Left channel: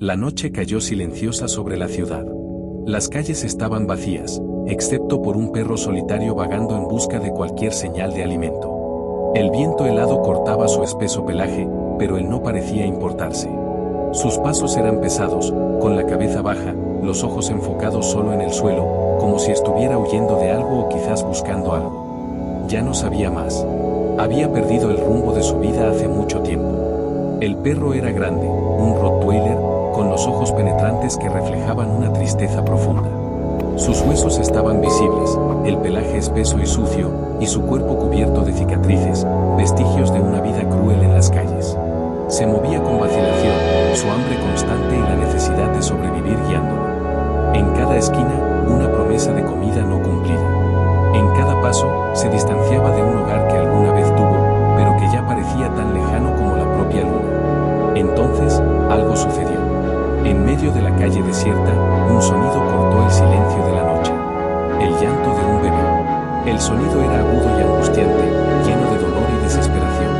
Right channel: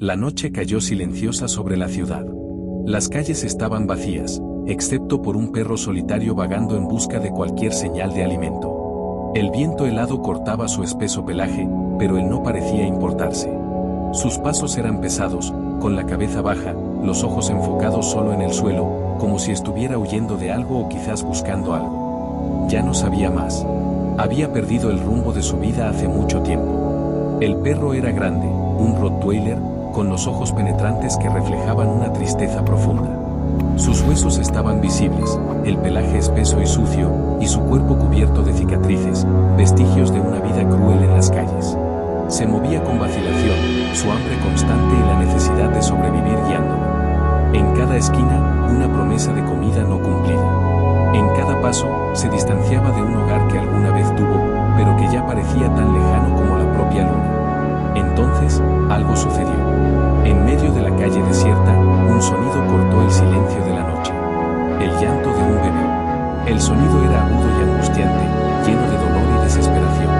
La noche cayó silenciosa sobre la ciudad. Las calles estaban vacías, excepto por un perro solitario vagando en busca de cualquier señal de alimento. El viento helado cortaba su espeso pelaje, pero él no parecía importarse. Sus pasos eran pesados, con la cabeza baja, los ojos enfocados solo en el suelo, como si estuviera huyendo de algo o quizás buscando algo. Ya no sabía más. Había perdido el rumbo de su vida hace mucho tiempo. El perro era grande, un Rottweiler, con los ojos penetrantes que reflejaban una tristeza profunda. Sus huesos estaban visibles, el pelaje espeso y sucio, y su cuerpo cubierto de cicatrices, vestigios de una vida cruel en las calles. Se movía con vacilación, su hambre constante y la necesidad de sobrevivir guiándolo. En cada esquina, una promesa de comida no cumplida. En cada paso, se distanciaba de un hogar que alguna vez tuvo, pero que ya parecía tan lejano como la propia luna. Entonces, algo sucedió. En medio de la calle desierta, un sonido cortó el silencio de la noche. El llanto de un bebé. El sonido era agudo y angustiante, lleno de dolor y desesperación.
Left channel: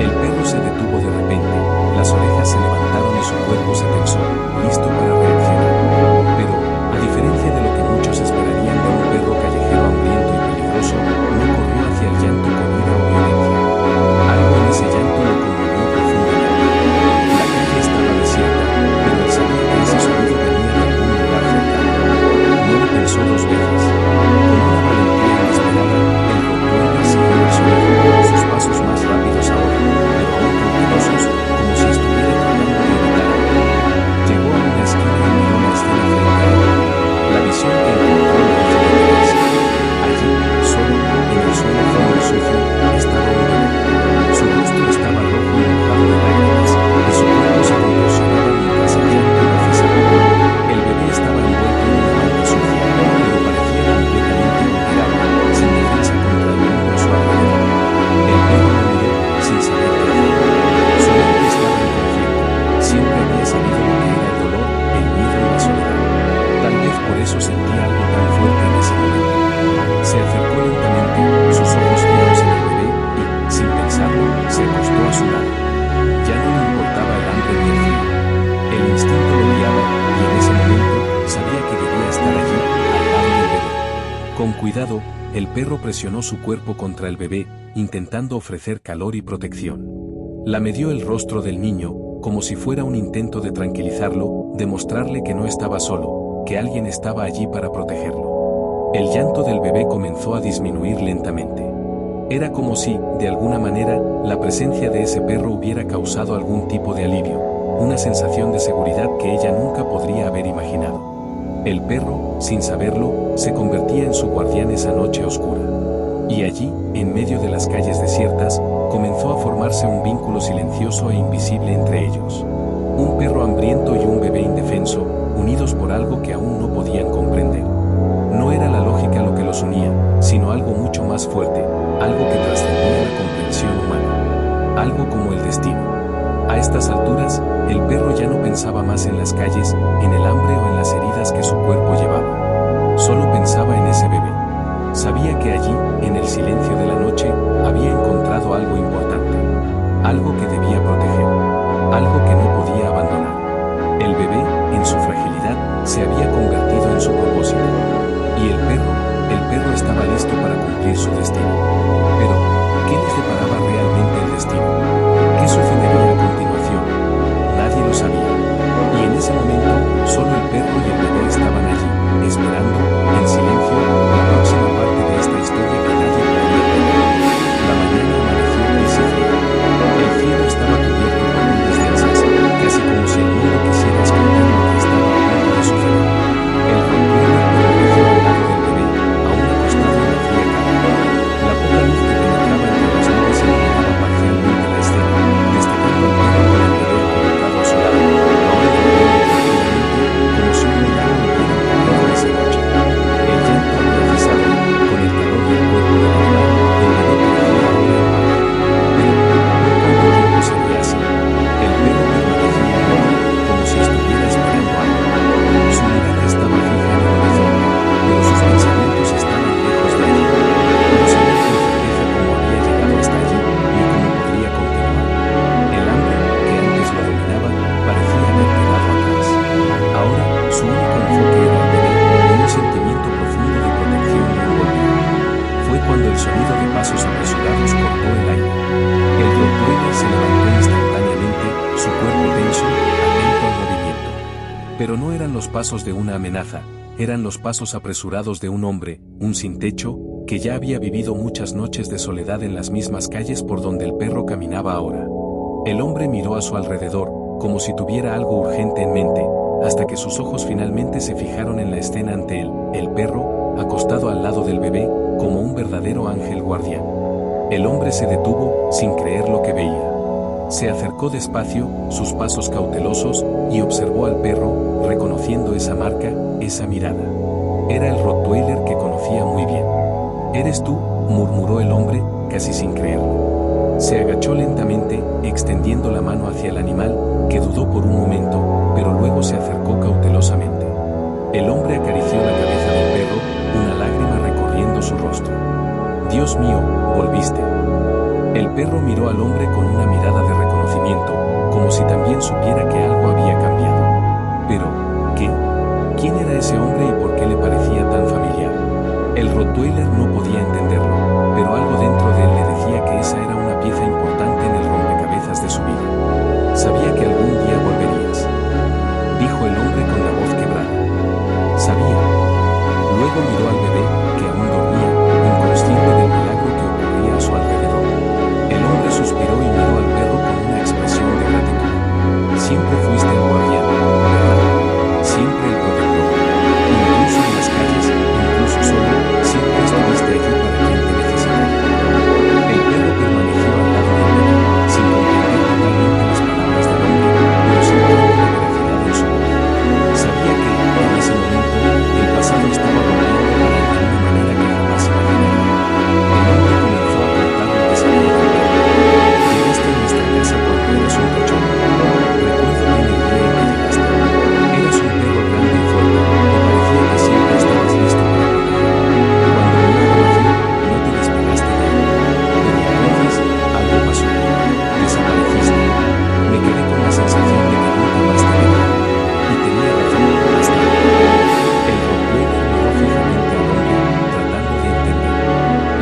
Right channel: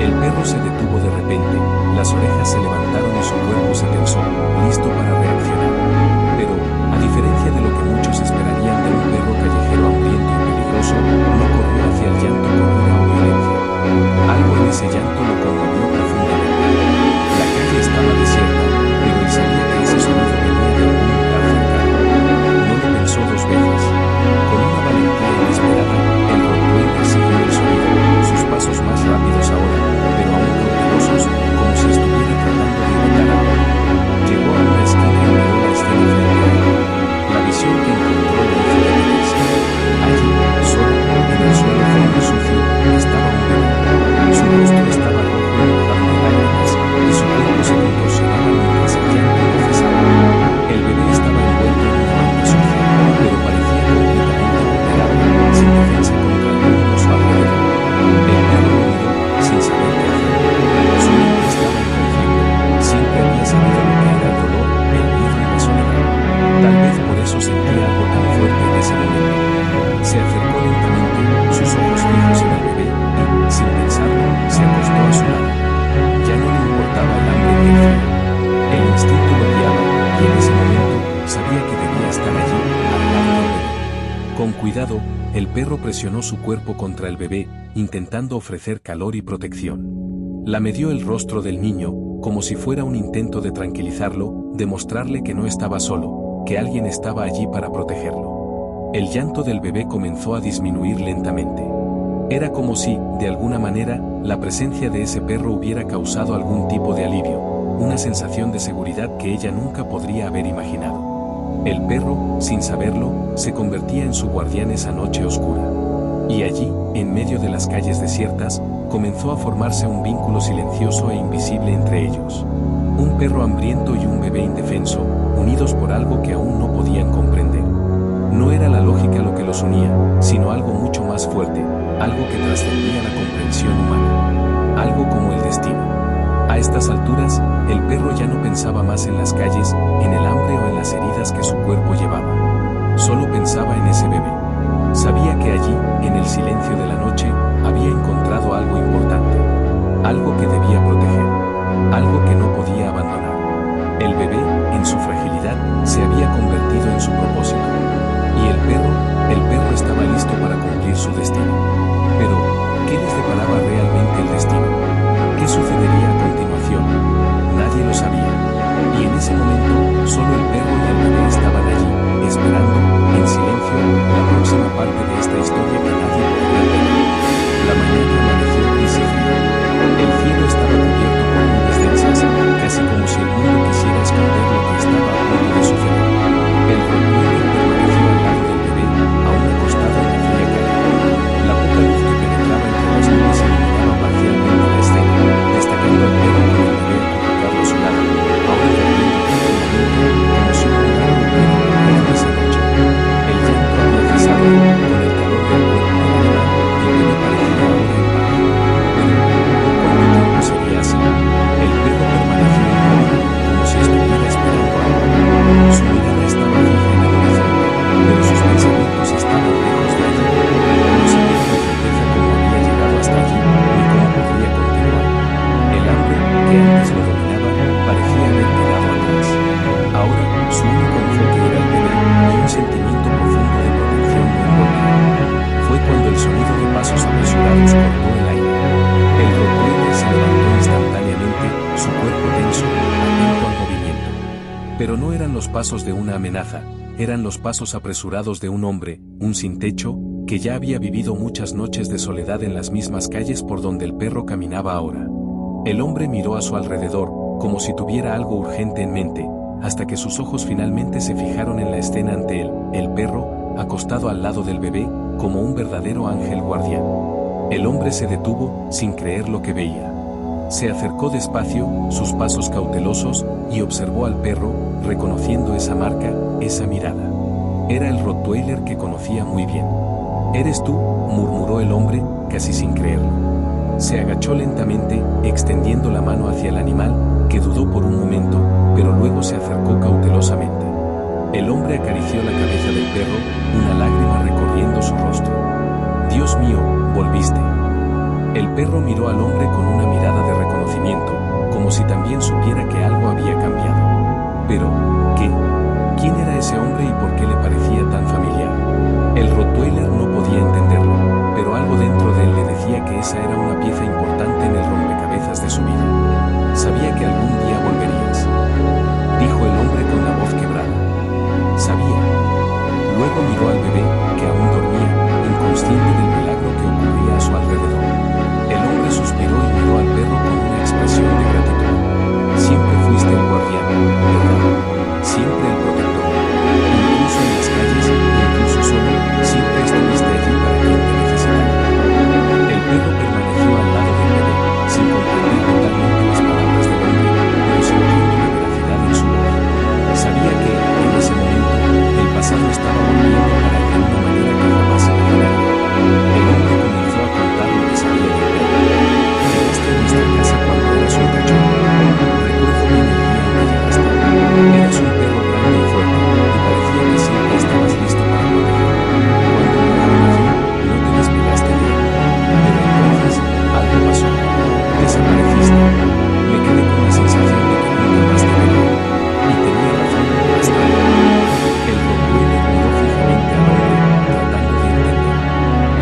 El perro se detuvo de repente, las orejas se levantaron y su cuerpo se tensó, listo para reaccionar. Pero, a diferencia de lo que muchos esperarían de un perro callejero hambriento y peligroso, no corrió hacia el llanto con ira o violencia. Algo en ese llanto lo conmovió profundamente. La calle estaba desierta, pero él sabía que ese sonido venía de algún lugar cercano. No lo pensó dos veces. Con una valentía inesperada, el Rottweiler siguió el sonido, sus pasos más rápidos ahora, pero aún cautelosos, como si estuviera tratando de evitar algo. Llegó a una esquina y miró la escena frente a él. La visión que encontró lo hizo detenerse. Allí, solo, en el suelo frío y sucio, estaba un bebé. Su rostro estaba rojo y mojado de lágrimas, y su cuerpo se contorsionaba mientras el llanto no cesaba. El bebé estaba envuelto en una manta sucia, pero parecía completamente vulnerable, sin defensa contra el mundo a su alrededor. El perro lo miró, sin saber qué hacer. Su mente estaba en conflicto, siempre había sabido lo que era el dolor, el miedo y la soledad. Tal vez por eso sentía algo tan fuerte en ese momento. Se acercó lentamente, sus ojos fijos en el bebé, y, sin pensarlo, se acostó a su lado. Ya no le importaba el hambre ni el frío. El instinto lo guiaba, y en ese momento, sabía que debía estar allí, al lado del bebé. Con cuidado, el perro presionó su cuerpo contra el bebé, intentando ofrecer calor y protección. Lameó el rostro del niño, como si fuera un intento de tranquilizarlo, de mostrarle que no estaba solo, que alguien estaba allí para protegerlo. El llanto del bebé comenzó a disminuir lentamente. Era como si, de alguna manera, la presencia de ese perro hubiera causado algún tipo de alivio, una sensación de seguridad que ella nunca podría haber imaginado. El perro, sin saberlo, se convertía en su guardián esa noche oscura. Y allí, en medio de las calles desiertas, comenzó a formarse un vínculo silencioso e invisible entre ellos. Un perro hambriento y un bebé indefenso, unidos por algo que aún no podían comprender. No era la lógica lo que los unía, sino algo mucho más fuerte, algo que trascendía la comprensión humana. Algo como el destino. A estas alturas, el perro ya no pensaba más en las calles, en el hambre o en las heridas que su cuerpo llevaba. Solo pensaba en ese bebé. Sabía que allí, en el silencio de la noche, había encontrado algo importante. Algo que debía proteger. Algo que no podía abandonar. El bebé, en su fragilidad, se había convertido en su propósito. Y el perro estaba listo para cumplir su destino. Pero, ¿qué les deparaba realmente el destino? ¿Qué sucedería a continuación? Nadie lo sabía. Y en ese momento, solo el perro y el bebé estaban allí, esperando, en silencio, la próxima parte de esta historia que nadie podría perder. La mañana amaneció gris y frío. El cielo estaba cubierto por nubes densas, casi como si el mundo quisiera esconder lo que estaba a punto de suceder. El Rottweiler permaneció al lado del bebé, aún acostado en la fría calle. La poca luz que penetraba entre las nubes iluminaba parcialmente la escena, destacando al perro con el bebé acurrucado a su lado, ahora durmiendo tranquilamente, como si un milagro hubiera ocurrido esa noche. El llanto había cesado, con el calor del cuerpo del animal, el bebé parecía ahora en paz. Pero, ¿por cuánto tiempo sería así? El perro permaneció inmóvil, su único enfoque era el bebé, y un sentimiento profundo de protección lo envolvía. Fue cuando el sonido de pasos apresurados cortó el aire. El Rottweiler se levantó instantáneamente, su cuerpo tenso, atento al movimiento. Pero no eran los pasos de una amenaza, eran los pasos apresurados de un hombre, un sin techo, que ya había vivido muchas noches de soledad en las mismas calles por donde el perro caminaba ahora. El hombre miró a su alrededor, como si tuviera algo urgente en mente, hasta que sus ojos finalmente se fijaron en la escena ante él, el perro, acostado al lado del bebé, como un verdadero ángel guardián. El hombre se detuvo, sin creer lo que veía. Se acercó despacio, sus pasos cautelosos, y observó al perro, reconociendo esa marca, esa mirada. Era el Rottweiler que conocía muy bien. «¿Eres tú?», murmuró el hombre, casi sin creerlo. Se agachó lentamente, extendiendo la mano hacia el animal, que dudó por un momento, pero luego se acercó cautelosamente. El hombre acarició la cabeza del perro, una lágrima recorriendo su rostro. «Dios mío, volviste». El perro miró al hombre con una mirada de reconocimiento, como si también supiera que algo había cambiado. Pero, ¿qué? ¿Quién era ese hombre y por qué le parecía tan familiar? El Rottweiler no podía entenderlo, pero algo dentro de él le decía que esa era una pieza importante en el rompecabezas de su vida. «Sabía que algún día volverías», dijo el hombre con la voz quebrada. «Sabía». Luego miró al bebé, que aún dormía, inconsciente del milagro que ocurría a su alrededor. El hombre suspiró y miró al perro con una expresión de gratitud. «Siempre fuiste el guardián, ¿verdad? Siempre el protector. Incluso en las calles, incluso solo, siempre estuviste allí para quien te necesitara». El perro permaneció al lado del bebé, sin comprender totalmente las palabras del hombre, pero sintiendo la veracidad en su voz. Sabía que, en ese momento, el pasado estaba volviendo para él de una manera que jamás imaginaría. El hombre comenzó a contar lo que sabía del perro. «Llegaste a nuestra casa cuando eras un cachorro. Recuerdo bien el día en que llegaste. Eras un perro grande y fuerte, y parecía que siempre estabas listo para proteger. Cuando mi hijo nació, no te despegaste de él. Pero entonces, algo pasó. Desapareciste. Me quedé con la sensación de que nunca más te vería. Y tenía razón, hasta ahora». El Rottweiler miró fijamente al hombre, tratando de entender.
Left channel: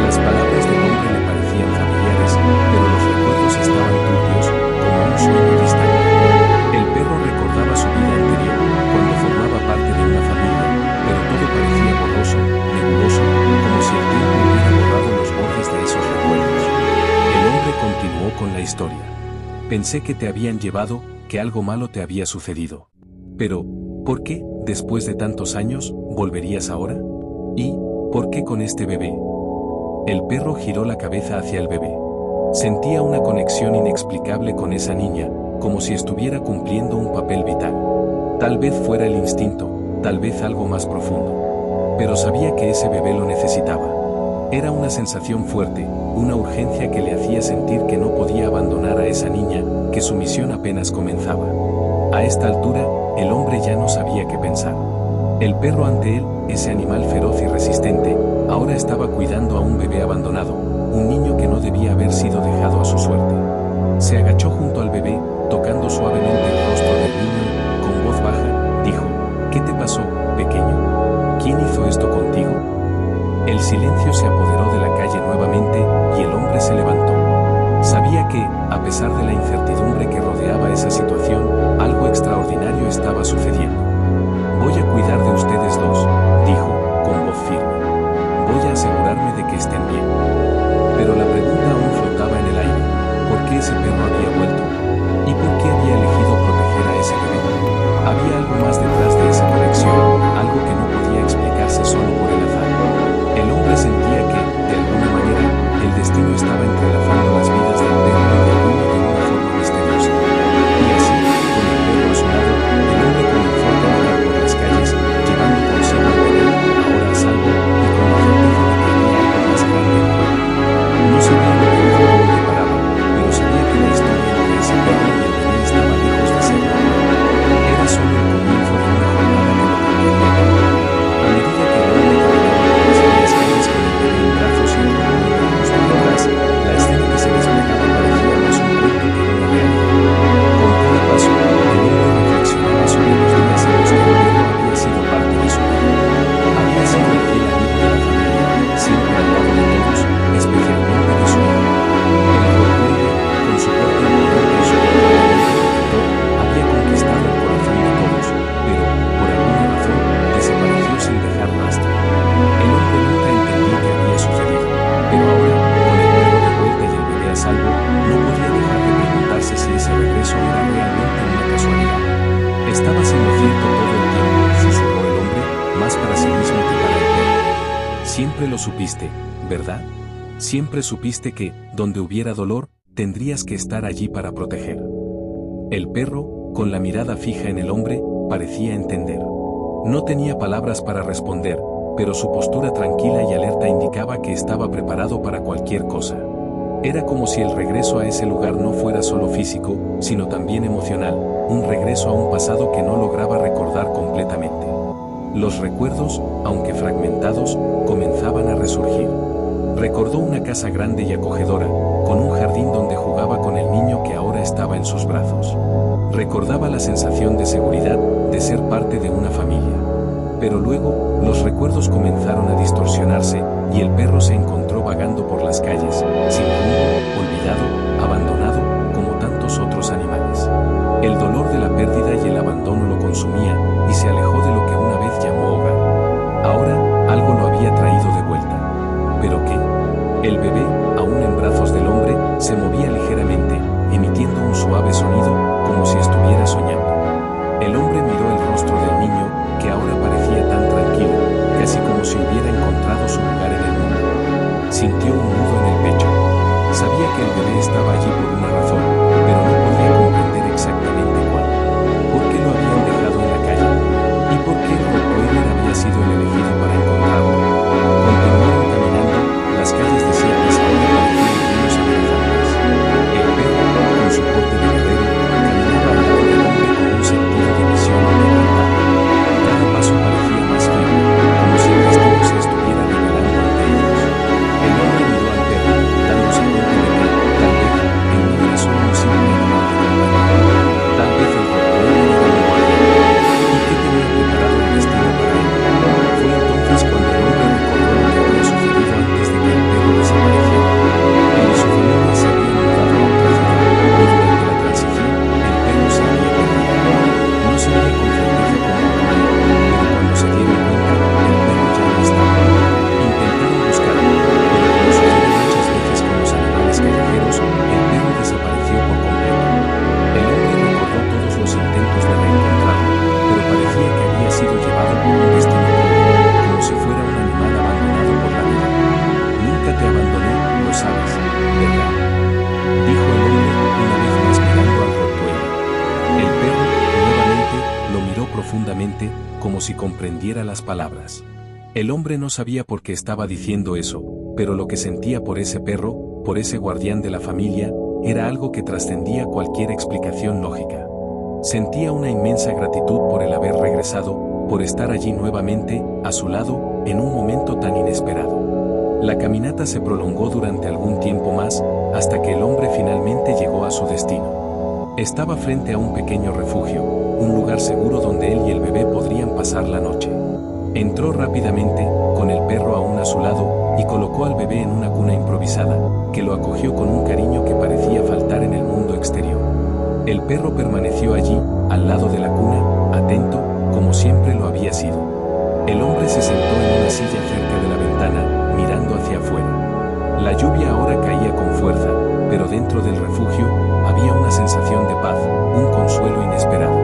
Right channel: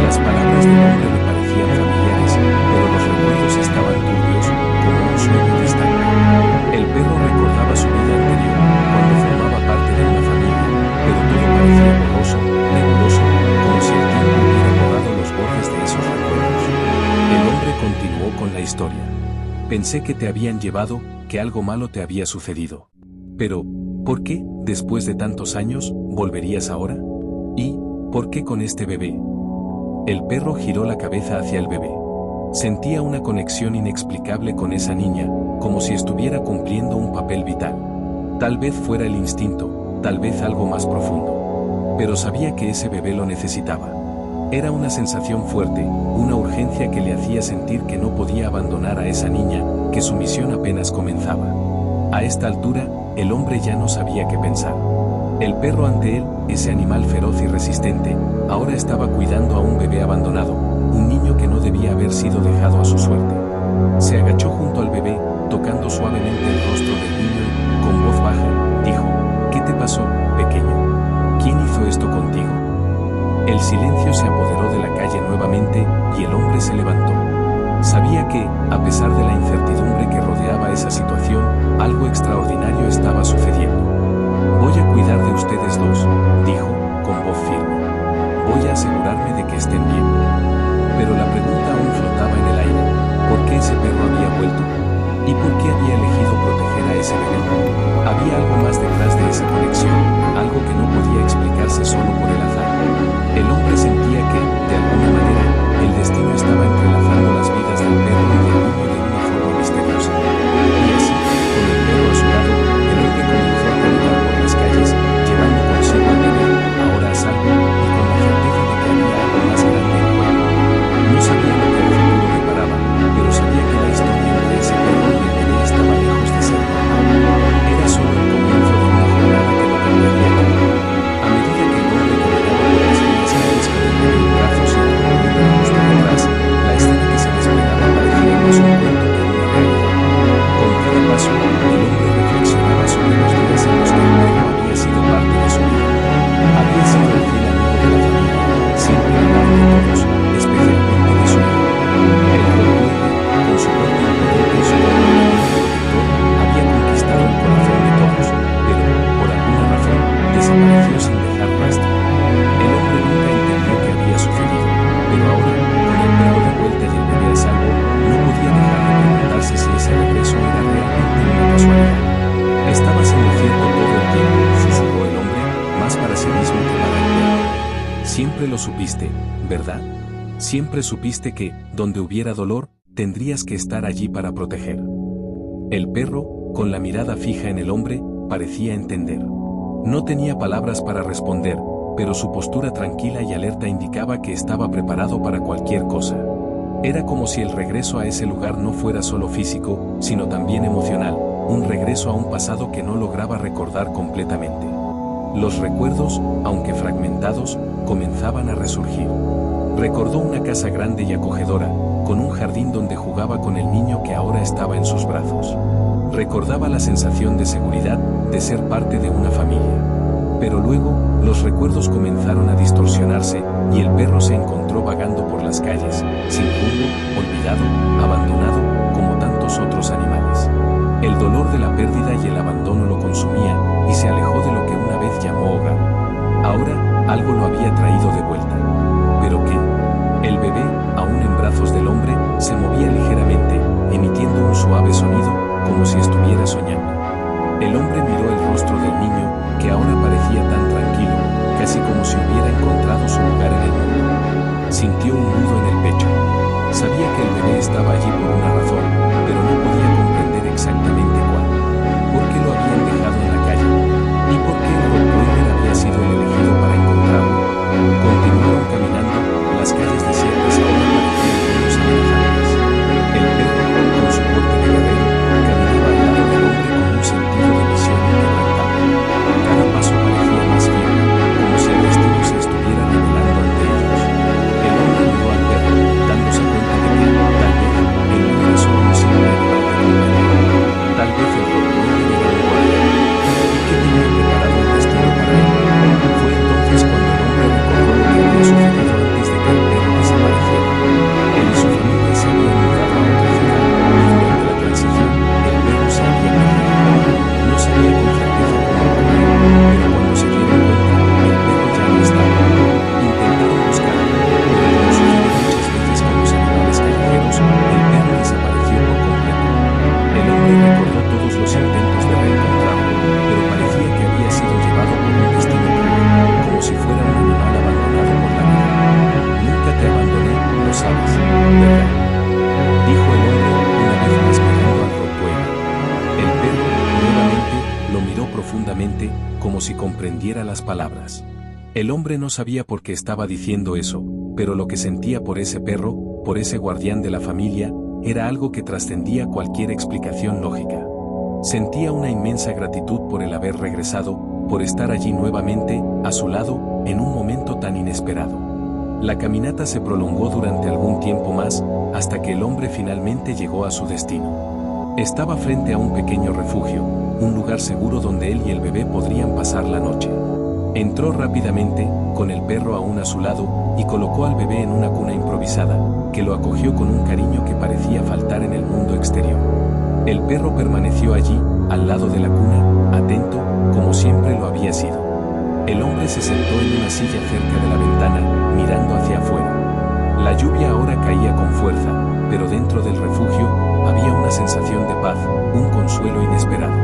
Las palabras del hombre le parecían familiares, pero los recuerdos estaban turbios, como un sueño distante. El perro recordaba su vida anterior, cuando formaba parte de una familia, pero todo parecía borroso, nebuloso, como si el tiempo hubiera borrado los bordes de esos recuerdos. El hombre continuó con la historia. «Pensé que te habían llevado, que algo malo te había sucedido. Pero, ¿por qué, después de tantos años, volverías ahora? ¿Y por qué con este bebé?». El perro giró la cabeza hacia el bebé. Sentía una conexión inexplicable con esa niña, como si estuviera cumpliendo un papel vital. Tal vez fuera el instinto, tal vez algo más profundo. Pero sabía que ese bebé lo necesitaba. Era una sensación fuerte, una urgencia que le hacía sentir que no podía abandonar a esa niña, que su misión apenas comenzaba. A esta altura, el hombre ya no sabía qué pensar. El perro ante él, ese animal feroz y resistente, ahora estaba cuidando a un bebé abandonado, un niño que no debía haber sido dejado a su suerte. Se agachó junto al bebé, tocando suavemente el rostro del niño y, con voz baja, dijo: «¿Qué te pasó, pequeño? ¿Quién hizo esto contigo?». El silencio se apoderó de la calle nuevamente, y el hombre se levantó. Sabía que, a pesar de la incertidumbre que rodeaba esa situación, algo extraordinario estaba sucediendo. «Voy a cuidar de ustedes dos», dijo, con voz firme. «Voy a asegurarme de que estén bien». Pero la pregunta aún flotaba en el aire. ¿Por qué ese perro había vuelto? ¿Y por qué había elegido proteger a ese bebé? Había algo más detrás de esa conexión, algo que no podía explicarse solo por el azar. El hombre sentía que, de alguna manera, el destino estaba entrelazando las vidas del perro y del niño de una forma misteriosa. Y así, con el perro a su lado, el hombre comenzó a caminar por las calles, llevando consigo al bebé, ahora a salvo, y con la certeza de que había algo más grande en juego. No sabía lo que el futuro deparaba, pero sabía que la historia entre ese perro y el bebé estaba lejos de ser normal. Era solo el comienzo de una jornada que lo cambiaría todo. A medida que el hombre caminaba por las frías calles con el bebé en brazos y el Rottweiler justo detrás, la escena que se desplegaba parecía más había sido el fiel amigo de la familia, siempre al lado de todos, especialmente de su hijo. El Rottweiler, con su porte imponente y su comportamiento protector, había conquistado el corazón de todos, pero, por alguna razón, desapareció sin dejar rastro. El hombre nunca entendió qué había sucedido, pero ahora, con el perro de vuelta y el bebé a salvo, no podía dejar de preguntarse si ese regreso era realmente una casualidad. Estabas en lo cierto todo el tiempo, susurró el hombre, más para sí mismo que para el perro. Siempre lo supiste, ¿verdad? Siempre supiste que, donde hubiera dolor, tendrías que estar allí para proteger. El perro, con la mirada fija en el hombre, parecía entender. No tenía palabras para responder, pero su postura tranquila y alerta indicaba que estaba preparado para cualquier cosa. Era como si el regreso a ese lugar no fuera solo físico, sino también emocional, un regreso a un pasado que no lograba recordar completamente. Los recuerdos, aunque fragmentados, comenzaban a resurgir. Recordó una casa grande y acogedora, con un jardín donde jugaba con el niño que ahora estaba en sus brazos. Recordaba la sensación de seguridad, de ser parte de una familia. Pero luego, los recuerdos comenzaron a distorsionarse, y el perro se encontró vagando por las calles, sin rumbo, olvidado, abandonado, como tantos otros animales. El dolor de la pérdida y el abandono lo consumía, y se alejó de lo que una vez llamó hogar. Ahora, algo lo había traído de vuelta. ¿Pero qué? El bebé, aún en brazos del hombre, se movía ligeramente, emitiendo un suave sonido, como si estuviera soñando. El hombre miró el rostro del niño, que ahora parecía tan tranquilo, casi como si hubiera encontrado su lugar en el mundo. Sintió un nudo en el pecho. Sabía que el bebé estaba allí por una razón, pero no podía comprender exactamente cuál. ¿Por qué lo habían dejado en la calle? ¿Y por qué el Rottweiler había sido el elegido para encontrarlo? Continuaron caminando, las calles desiertas ahora parecían menos amenazantes. El perro, con su porte de guerrero, caminaba al lado del hombre con un sentido de misión inquebrantable. Cada paso parecía más firme, como si el destino se estuviera revelando ante ellos. El hombre miró al perro, dándose cuenta de que, tal vez, él no era solo un simple animal de compañía. Tal vez el Rottweiler era un guardián. ¿Y qué tenía preparado el destino para él? Fue entonces cuando el hombre recordó lo que había sucedido antes de que el perro desapareciera. Él y su familia se habían mudado a otra ciudad, y durante la transición, el perro se había perdido. No sabía con certeza cómo ocurrió, pero cuando se dieron cuenta, el perro ya no estaba. Intentaron buscarlo, pero como sucede muchas veces con los animales callejeros, el perro desapareció por completo. El hombre recordó todos los intentos de reencontrarlo, pero parecía que había sido llevado por un destino cruel, como si fuera un animal abandonado por la vida. Nunca te abandoné, lo sabes, ¿verdad? Dijo el hombre, una vez más mirando al Rottweiler. El perro, nuevamente, lo miró profundamente, como si comprendiera las palabras. El hombre no sabía por qué estaba diciendo eso, pero lo que sentía por ese perro, por ese guardián de la familia, era algo que trascendía cualquier explicación lógica. Sentía una inmensa gratitud por el haber regresado, por estar allí nuevamente, a su lado, en un momento tan inesperado. La caminata se prolongó durante algún tiempo más, hasta que el hombre finalmente llegó a su destino. Estaba frente a un pequeño refugio, un lugar seguro donde él y el bebé podrían pasar la noche. Entró rápidamente, con el perro aún a su lado, y colocó al bebé en una cuna improvisada, que lo acogió con un cariño que parecía faltar en el mundo exterior. El perro permaneció allí, al lado de la cuna, atento, como siempre lo había sido. El hombre se sentó en una silla cerca de la ventana, mirando hacia afuera. La lluvia ahora caía con fuerza, pero dentro del refugio, había una sensación de paz, un consuelo inesperado.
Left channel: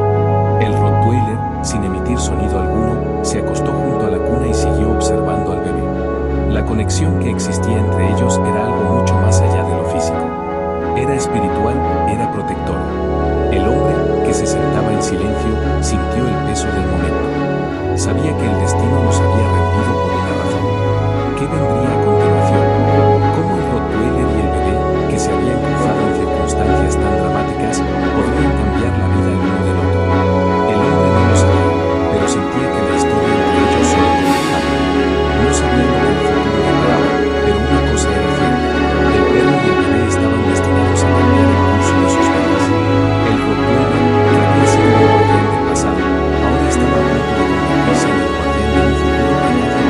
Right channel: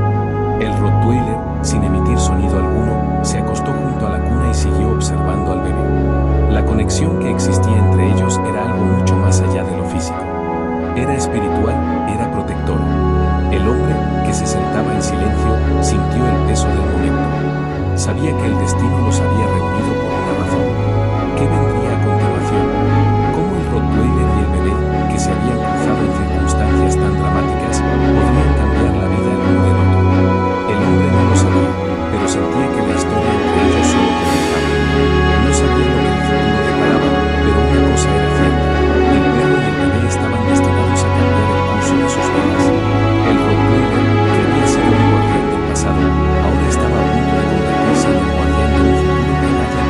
El Rottweiler, sin emitir sonido alguno, se acostó junto a la cuna y siguió observando al bebé. La conexión que existía entre ellos era algo mucho más allá de lo físico. Era espiritual, era protector. El hombre, que se sentaba en silencio, sintió el peso del momento. Sabía que el destino los había reunido por una razón. ¿Qué vendría a continuación? ¿Cómo el Rottweiler y el bebé, que se habían cruzado en circunstancias tan dramáticas, podrían cambiar la vida el uno del otro? El hombre no lo sabía, pero sentía que la historia entre ellos solo comenzaba. No sabía lo que el futuro deparaba, pero una cosa era cierta: el perro y el bebé estaban destinados a cambiar el curso de sus vidas. El Rottweiler, que había sido un guardián del pasado, ahora estaba a punto de convertirse en el guardián de un futuro que nadie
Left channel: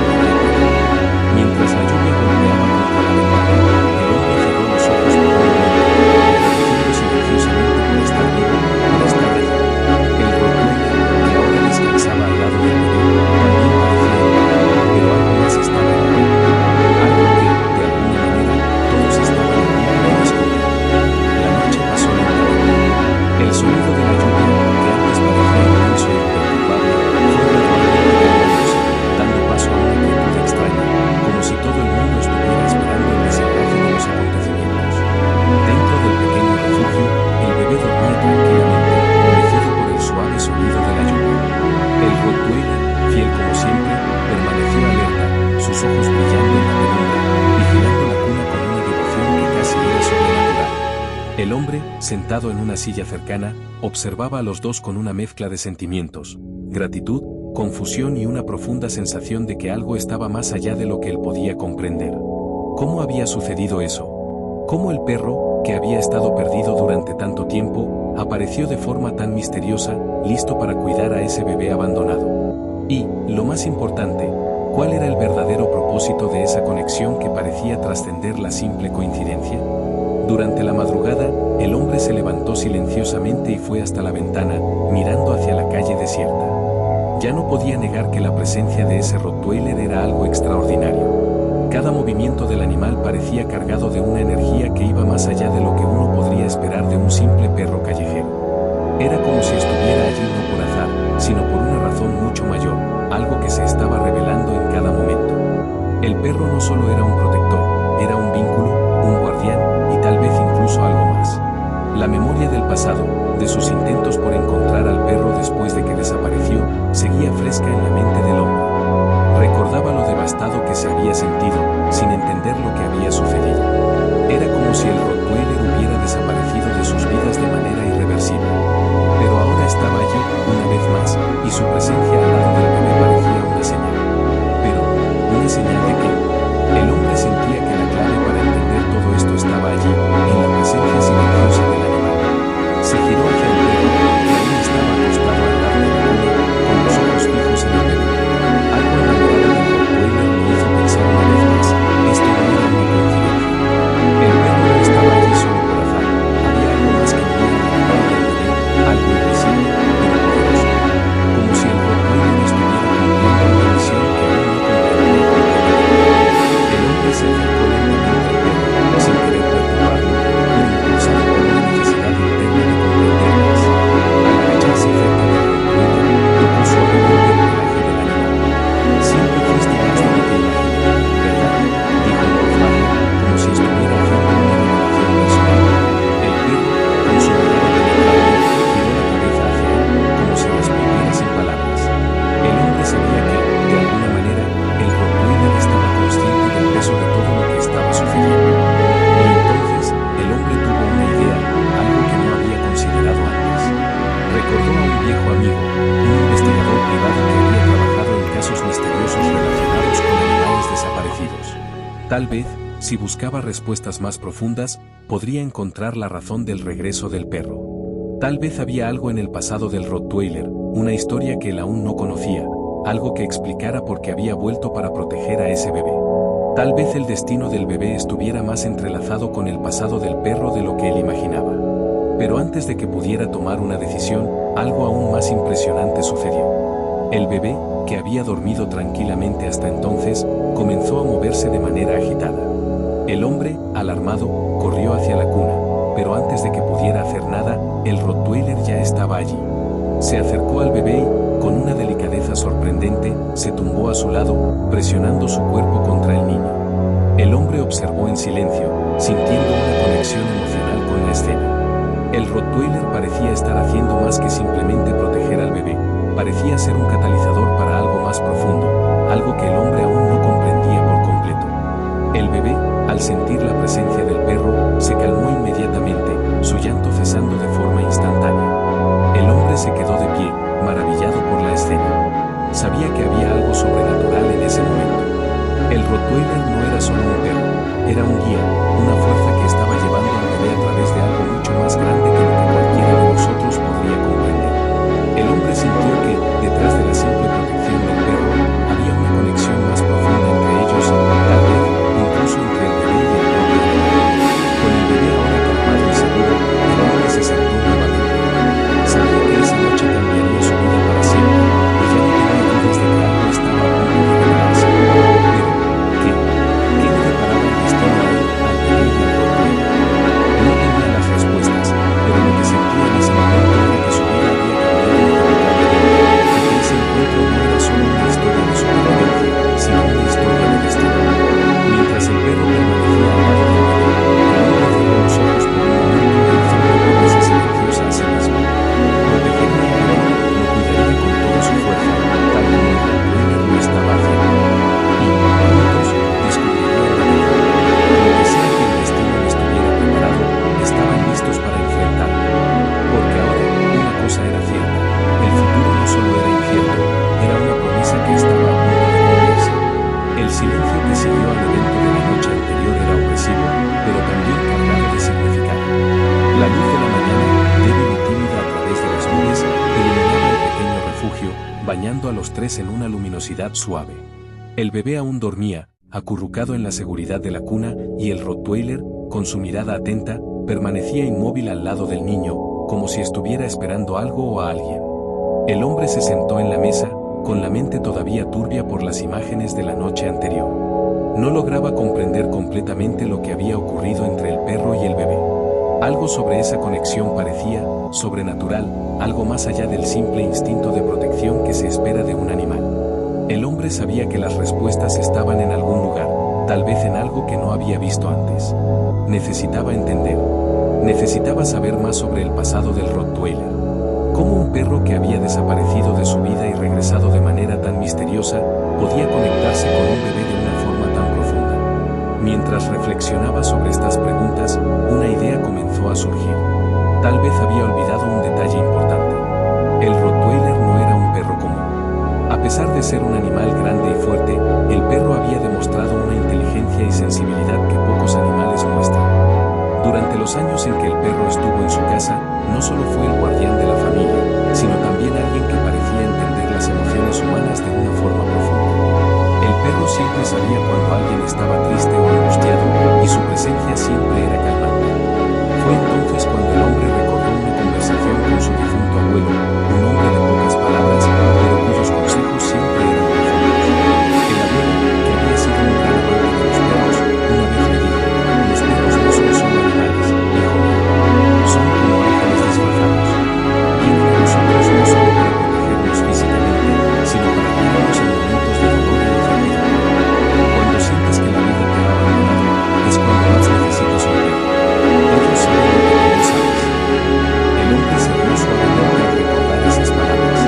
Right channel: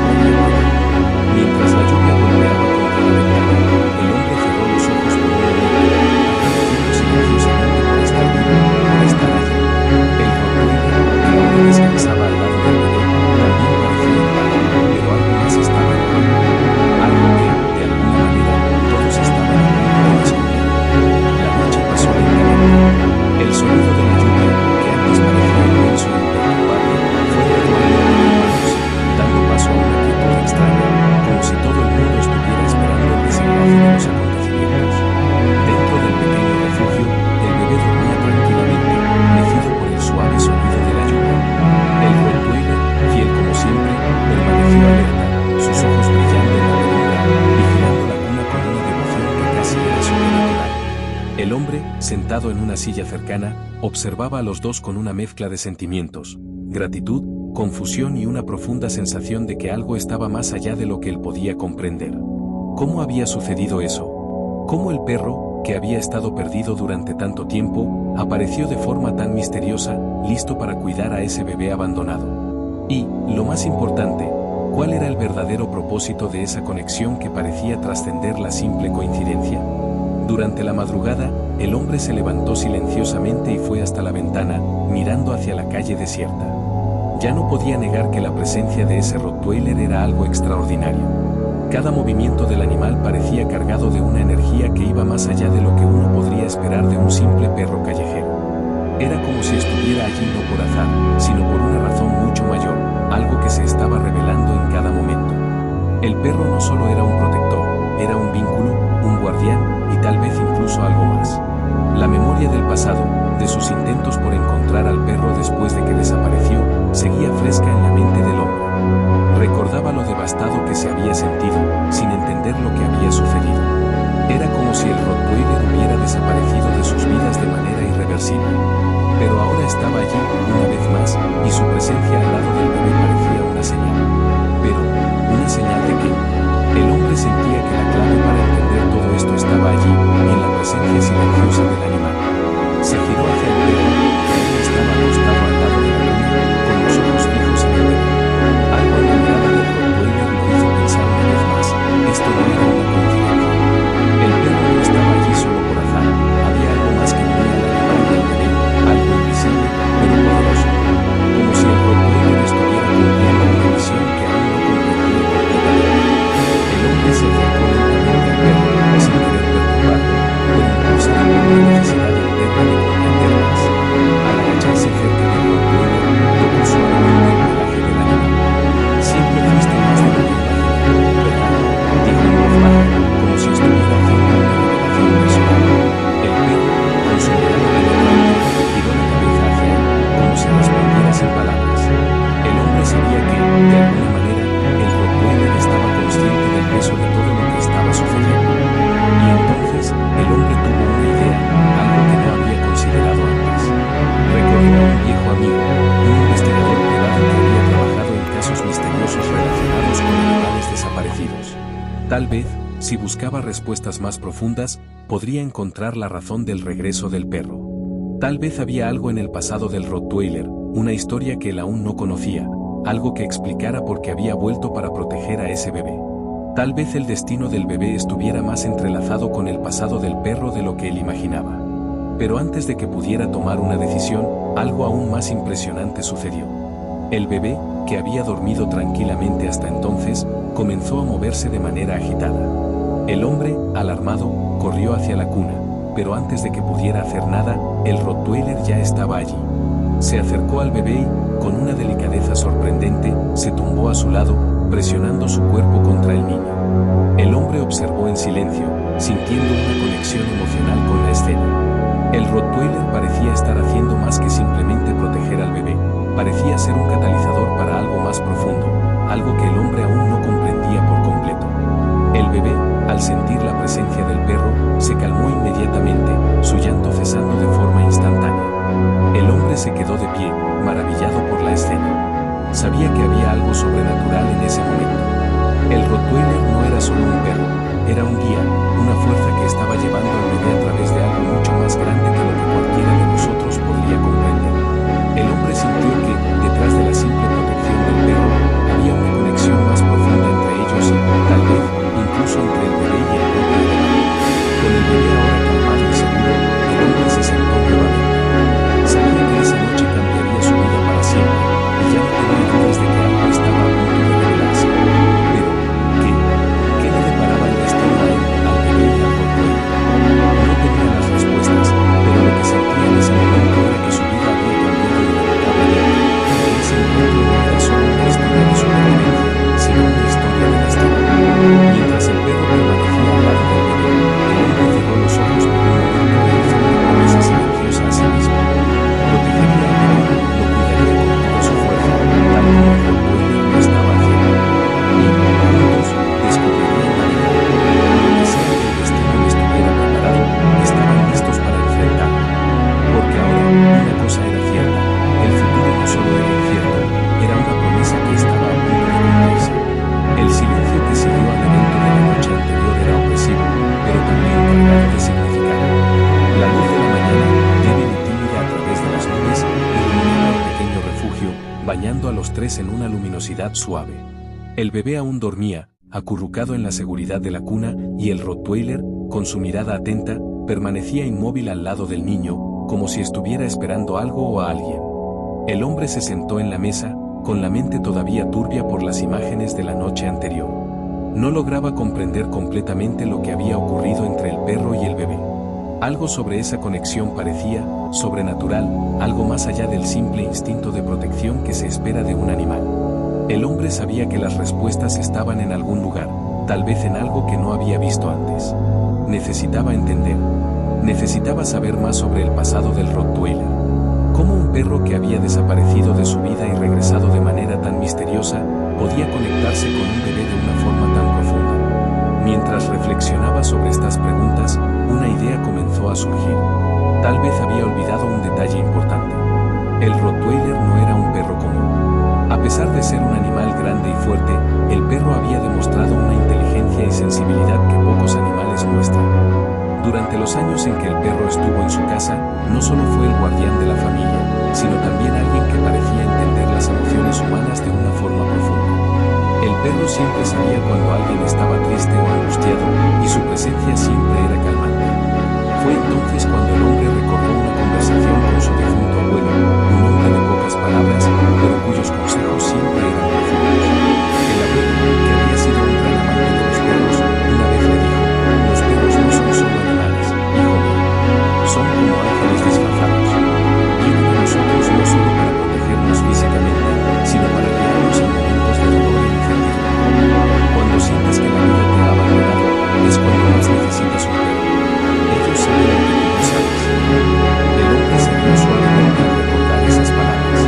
El hombre, sentado en una silla cercana, observaba a los dos con una mezcla de sentimientos, gratitud, confusión y una profunda sensación de que algo estaba más allá de lo que él podía comprender. ¿Cómo había sucedido eso? ¿Cómo el perro, que había estado perdido durante tanto tiempo, apareció de forma tan misteriosa, listo para cuidar a ese bebé abandonado? Y, lo más importante, ¿cuál era el verdadero propósito de esa conexión que parecía trascender la simple coincidencia? Durante la madrugada, el hombre se levantó silenciosamente y fue hasta la ventana, mirando hacia la calle desierta. Ya no podía negar que la presencia de ese Rottweiler era algo extraordinario. Cada movimiento del animal parecía cargado de una energía que iba más allá de lo que uno podría esperar de un simple perro callejero. Era como si estuviera allí no por azar, sino por una razón mucho mayor, algo que se estaba revelando en cada momento. El perro no solo era un protector, era un vínculo, un guardián, y tal vez incluso algo más. La memoria del pasado, de sus intentos por encontrar al perro después de que desapareció, seguía fresca en la mente del hombre. Recordaba lo devastado que se había sentido, sin entender lo que había sucedido. Era como si el Rottweiler hubiera desaparecido de sus vidas de manera irreversible. Pero ahora estaba allí, una vez más, y su presencia al lado del bebé parecía una señal. Pero, ¿una señal de qué? El hombre sentía que la clave para entender todo esto estaba allí, en la presencia silenciosa del animal. Se giró hacia el perro, que aún estaba acostado al lado de la cuna, con los ojos fijos en el bebé. Algo en la mirada del Rottweiler lo hizo pensar una vez más, esto no era una coincidencia. El perro no estaba allí solo por azar, había algo más que unía al animal y al bebé, algo invisible, pero poderoso. Como si el Rottweiler estuviera cumpliendo una misión que aún no comprendía completamente. El hombre se acercó lentamente al perro, sin querer perturbarlo, pero impulsado por una necesidad interna de comprender más. Al agacharse cerca del Rottweiler, tocó suavemente el pelaje del animal. Siempre fuiste más de lo que imaginé, ¿verdad? Dijo en voz baja, como si estuviera haciendo una revelación personal. El perro, con su mirada penetrante, giró la cabeza hacia él, como si respondiera sin palabras. El hombre sabía que, de alguna manera, el Rottweiler estaba consciente del peso de todo lo que estaba sucediendo. Y entonces, el hombre tuvo una idea, algo que no había considerado antes. Recordó a un viejo amigo, un investigador privado que había trabajado en casos misteriosos relacionados con animales desaparecidos. Tal vez, si buscaba respuestas más profundas, podría encontrar la razón del regreso del perro. Tal vez había algo en el pasado del Rottweiler, una historia que él aún no conocía, algo que explicara por qué había vuelto para proteger a ese bebé. Tal vez el destino del bebé estuviera más entrelazado con el pasado del perro de lo que él imaginaba. Pero antes de que pudiera tomar una decisión, algo aún más impresionante sucedió. El bebé, que había dormido tranquilamente hasta entonces, comenzó a moverse de manera agitada. El hombre, alarmado, corrió hacia la cuna, pero antes de que pudiera hacer nada, el Rottweiler ya estaba allí. Se acercó al bebé y, con una delicadeza sorprendente, se tumbó a su lado, presionando su cuerpo contra el niño. El hombre observó en silencio, sintiendo una conexión emocional con la escena. El Rottweiler parecía estar haciendo más que simplemente proteger al bebé, parecía ser un catalizador para algo más profundo, algo que el hombre aún no comprendía por completo. El bebé, al sentir la presencia del perro, se calmó inmediatamente, su llanto cesando de forma instantánea. El hombre se quedó de pie, maravillado por la escena. Sabía que había algo sobrenatural en ese momento. El Rottweiler no era solo un perro, era un guía, una fuerza que estaba llevando al bebé a través de algo mucho más grande que lo que cualquiera de nosotros podría comprender. El hombre sintió que, detrás de la simple protección del perro, había una conexión más profunda entre ellos y, tal vez, incluso entre el bebé y el propio animal. Con el bebé ahora calmado y seguro, el hombre se sentó nuevamente. Sabía que esa noche cambiaría su vida para siempre, y ya no tenía dudas de que algo estaba a punto de revelarse. Pero, ¿qué? ¿Qué le deparaba el destino a él, al bebé y al Rottweiler? No tenía las respuestas, pero lo que sentía en ese momento era que su vida había cambiado irrevocablemente, y La luz de la mañana, débil y tímida a través de las nubes, iluminaba el pequeño refugio, bañando a los tres en una luminosidad suave. El bebé aún dormía, acurrucado en la seguridad de la cuna, y el Rottweiler, con su mirada atenta, permanecía inmóvil al lado del niño, como si estuviera esperando algo o a alguien. El hombre se sentó en la mesa, con la mente todavía turbia por las imágenes de la noche anterior. No lograba comprender completamente lo que había ocurrido entre el perro y el bebé. Algo sobre esa conexión parecía sobrenatural, algo más allá del simple instinto de protección que se espera de un animal. El hombre sabía que las respuestas estaban en algún lugar, tal vez en algo que no había visto antes. Necesitaba entender. Necesitaba saber más sobre el pasado del Rottweiler. Cómo un perro que había desaparecido de su vida y regresado de manera tan misteriosa, podía conectarse con un bebé de una forma tan profunda. Mientras reflexionaba sobre estas preguntas, una idea comenzó a surgir. Tal vez había olvidado un detalle importante. El Rottweiler no era un perro común. A pesar de ser un animal grande y fuerte, el perro había demostrado una inteligencia y sensibilidad que pocos animales muestran. Durante los años en que el perro estuvo en su casa, no solo fue el guardián de la familia, sino también alguien que parecía entender las emociones humanas de una forma profunda. El perro siempre sabía cuando alguien estaba triste o angustiado, y su presencia siempre era calmante. Fue entonces cuando el hombre recordó una conversación con su difunto abuelo, un hombre de pocas palabras, pero cuyos consejos siempre eran profundos. El abuelo, que había sido un gran amante de los perros, una vez le dijo: "Los perros no son solo animales, hijo mío. Son como ángeles disfrazados. Vienen a nosotros no solo para protegernos físicamente, sino para guiarnos en momentos de dolor e incertidumbre. Cuando sientas que la vida te ha abandonado, es cuando más necesitas un perro. Ellos saben lo que tú no sabes". El hombre se rió suavemente al recordar esas palabras.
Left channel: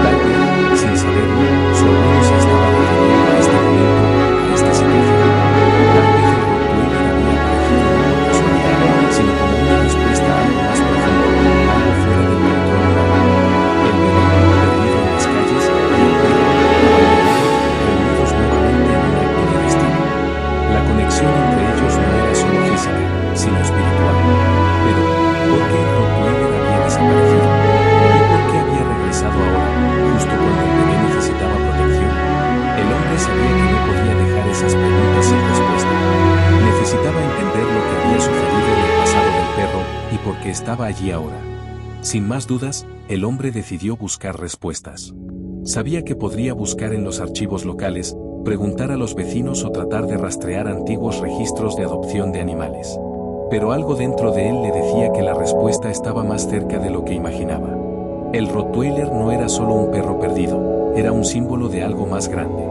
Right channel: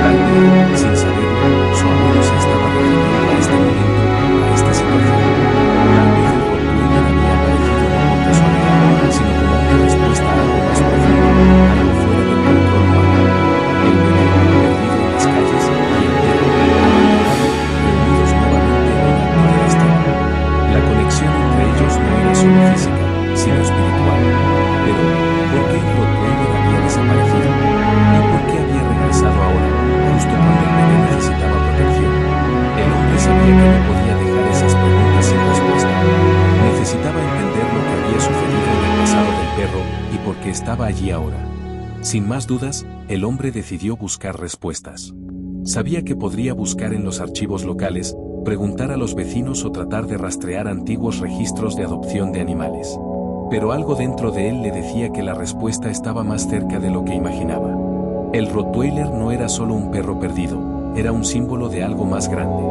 Tal vez, sin saberlo, su abuelo se estaba refiriendo a este momento, a esta situación. Tal vez el Rottweiler había aparecido no por casualidad, sino como una respuesta a algo más profundo, algo fuera del control humano. El bebé, perdido en las calles, y el perro, abandonado, reunidos nuevamente en un acto de destino. La conexión entre ellos no era solo física, sino espiritual. Pero, ¿por qué el Rottweiler había desaparecido? ¿Y por qué había regresado ahora, justo cuando el bebé necesitaba protección? El hombre sabía que no podía dejar esas preguntas sin respuesta. Necesitaba entender lo que había sucedido en el pasado del perro y por qué estaba allí ahora. Sin más dudas, el hombre decidió buscar respuestas. Sabía que podría buscar en los archivos locales, preguntar a los vecinos o tratar de rastrear antiguos registros de adopción de animales. Pero algo dentro de él le decía que la respuesta estaba más cerca de lo que imaginaba. El Rottweiler no era solo un perro perdido, era un símbolo de algo más grande.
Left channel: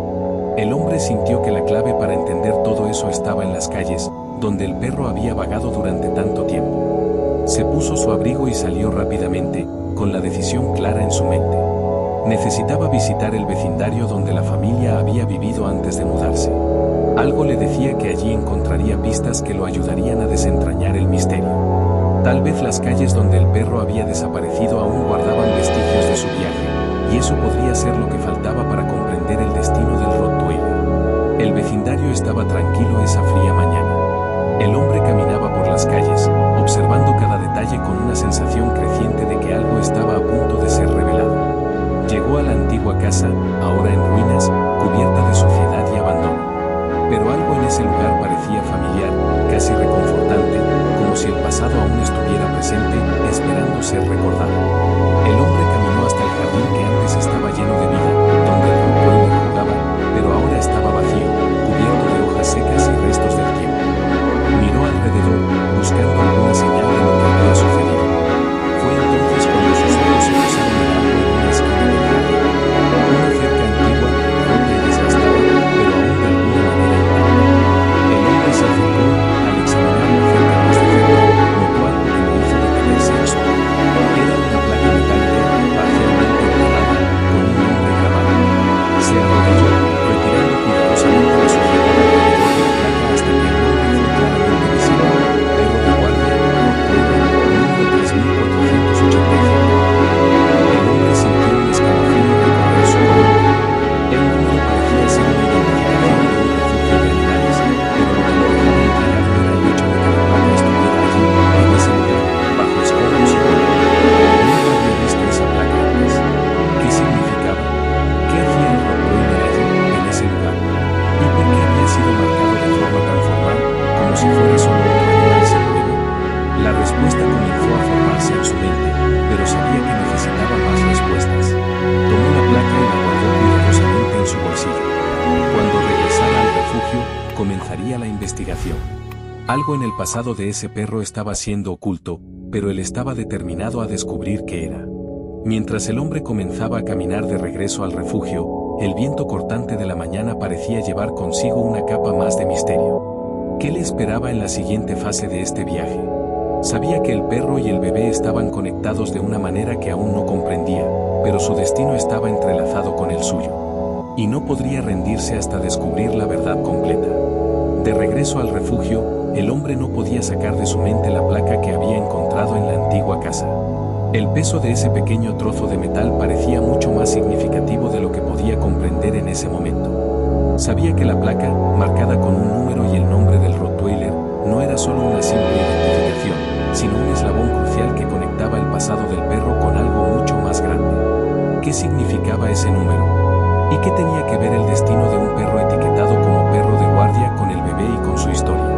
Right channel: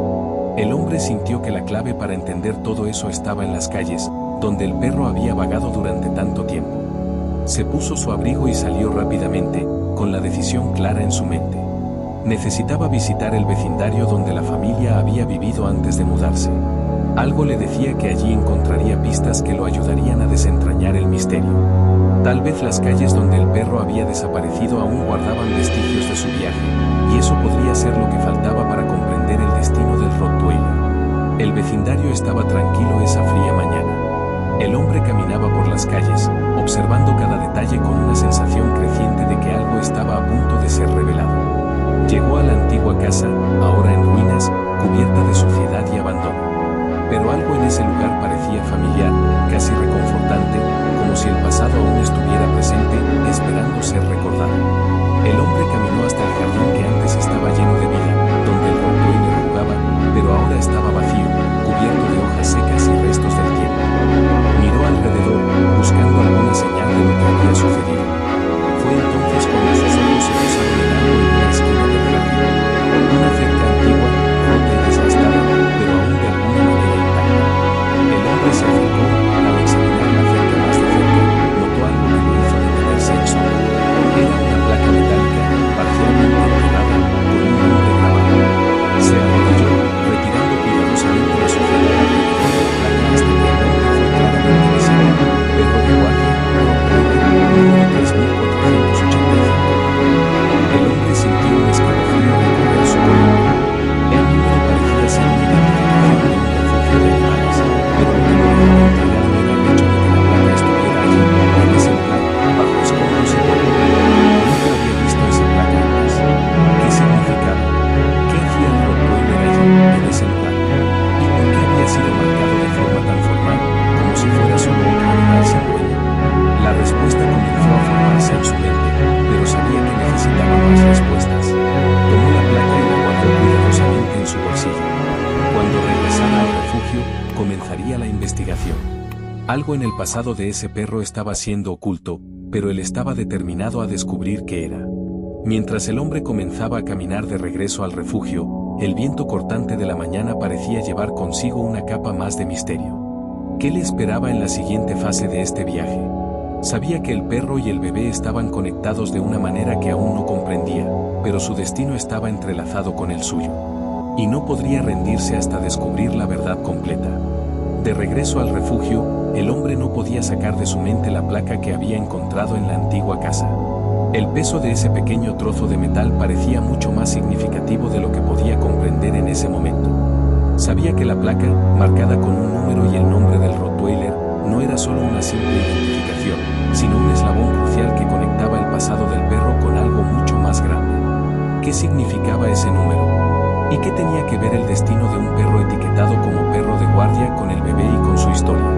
El hombre sintió que la clave para entender todo eso estaba en las calles, donde el perro había vagado durante tanto tiempo. Se puso su abrigo y salió rápidamente, con la decisión clara en su mente. Necesitaba visitar el vecindario donde la familia había vivido antes de mudarse. Algo le decía que allí encontraría pistas que lo ayudarían a desentrañar el misterio. Tal vez las calles donde el perro había desaparecido aún guardaban vestigios de su viaje, y eso podría ser lo que faltaba para comprender el destino del Rottweiler. El vecindario estaba tranquilo esa fría mañana. El hombre caminaba por las calles, observando cada detalle con una sensación creciente de que algo estaba a punto de ser revelado. Llegó a la antigua casa, ahora en ruinas, cubierta de suciedad y abandono. Pero algo en ese lugar parecía familiar, casi reconfortante, como si el pasado aún estuviera presente, esperando ser recordado. El hombre caminó hasta el jardín que antes estaba lleno de vida, donde el Rottweiler jugaba, pero ahora estaba vacío, cubierto de hojas secas y restos del tiempo. Miró alrededor, buscando alguna señal de lo que había sucedido. Fue entonces cuando sus ojos se posaron en algo en una esquina del jardín. Una cerca antigua, rota y desgastada, pero aún de alguna manera intacta. El hombre se acercó, al examinar la cerca más de cerca, notó algo que lo hizo detenerse en sombra. Era una placa metálica, parcialmente enterrada, con un nombre grabado. Se arrodilló, retirando cuidadosamente la suciedad alrededor de la placa hasta que el nombre fue claramente visible. Perro de guardia, Rottweiler, número 3485. El hombre sido marcado de forma tan formal, como si fuera solo otro animal sin dueño? La respuesta comenzó a formarse en su mente, pero sabía que necesitaba más respuestas. Tomó la placa y la guardó cuidadosamente en su bolsillo. Cuando regresara al refugio, comenzaría la investigación. Algo en el pasado de ese perro estaba siendo oculto, pero él estaba determinado a descubrir qué era. Mientras el hombre comenzaba a caminar de regreso al refugio, el viento cortante de la mañana parecía llevar consigo una capa más de misterio. ¿Qué le esperaba en la siguiente fase de este viaje? Sabía que el perro y el bebé estaban conectados de una manera que aún no comprendía, pero su destino estaba entrelazado con el suyo. Y no podría rendirse hasta descubrir la verdad completa. De regreso al refugio, el hombre no podía sacar de su mente la placa que había encontrado en la antigua casa. El peso de ese pequeño trozo de metal parecía mucho más significativo de lo que podía comprender en ese momento. Sabía que la placa, marcada con un número y el nombre del Rottweiler, no era solo una simple identificación, sino un eslabón crucial que conectaba el pasado del perro con algo mucho más grande. ¿Qué significaba ese número? ¿Y qué tenía que ver el destino de un perro etiquetado como perro de guardia con el bebé y con su historia?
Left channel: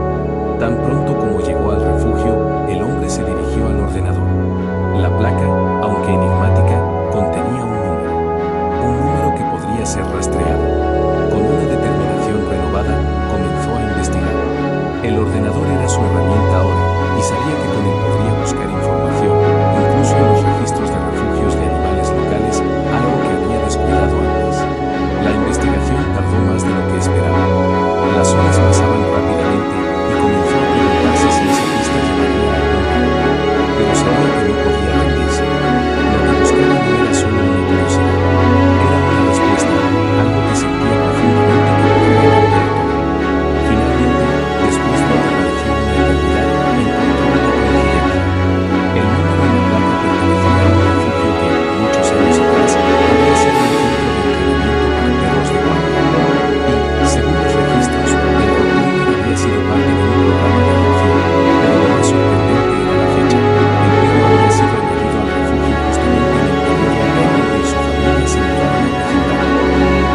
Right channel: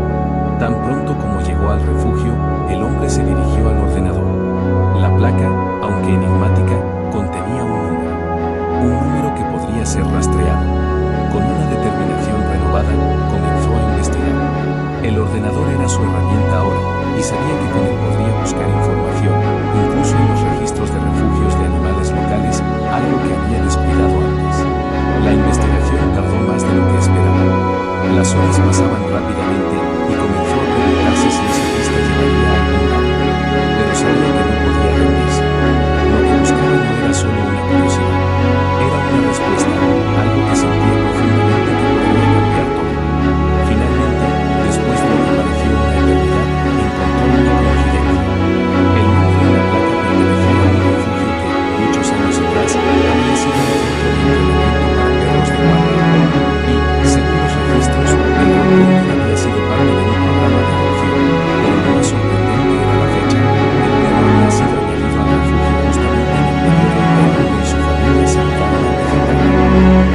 Tan pronto como llegó al refugio, el hombre se dirigió al ordenador. La placa, aunque enigmática, contenía un número que podría ser rastreado. Con una determinación renovada, comenzó a investigar. El ordenador era su herramienta ahora, y sabía que con él podría buscar información, incluso en los registros de refugios de animales locales, algo que había descuidado antes. La investigación tardó más de lo que esperaba. Las horas pasaban rápidamente, y comenzó a preguntarse si esa pista llevaría a algún lado. Pero sabía que no podía rendirse. Lo que buscaba no era solo una curiosidad. Era una respuesta, algo que sentía profundamente que podría cambiar todo. Finalmente, después de lo que pareció una eternidad, encontró una coincidencia. El número en la placa pertenecía a un refugio que, muchos años atrás, había sido un centro de entrenamiento para perros de guardia. Y, según los registros, el Rottweiler había sido parte de un programa de adopción, pero lo más sorprendente era la fecha. El perro había sido añadido al refugio justamente en el periodo en que el hombre y su familia se mudaron al vecindario.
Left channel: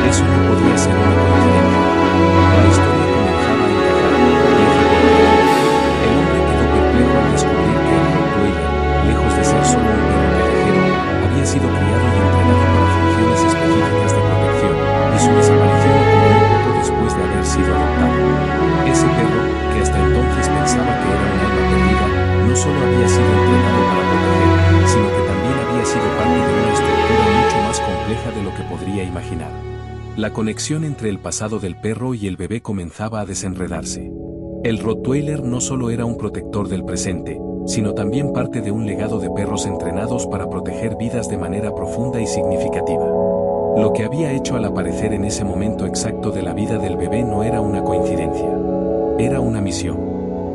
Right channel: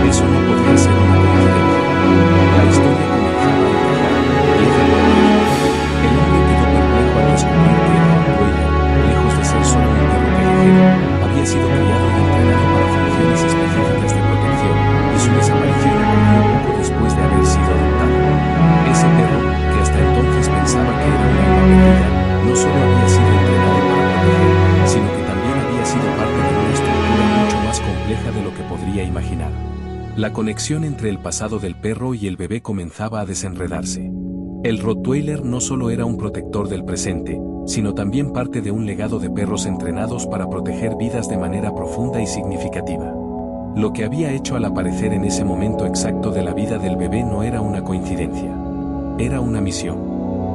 Eso no podía ser una coincidencia. La historia comenzaba a encajar, pieza por pieza. El hombre quedó perplejo al descubrir que el Rottweiler, lejos de ser solo un perro callejero, había sido criado y entrenado para funciones específicas de protección, y su desaparición ocurrió poco después de haber sido adoptado. Ese perro, que hasta entonces pensaba que era un alma perdida, no solo había sido entrenado para proteger, sino que también había sido parte de una estructura mucho más compleja de lo que podría imaginar. La conexión entre el pasado del perro y el bebé comenzaba a desenredarse. El Rottweiler no solo era un protector del presente, sino también parte de un legado de perros entrenados para proteger vidas de manera profunda y significativa. Lo que había hecho al aparecer en ese momento exacto de la vida del bebé no era una coincidencia. Era una misión.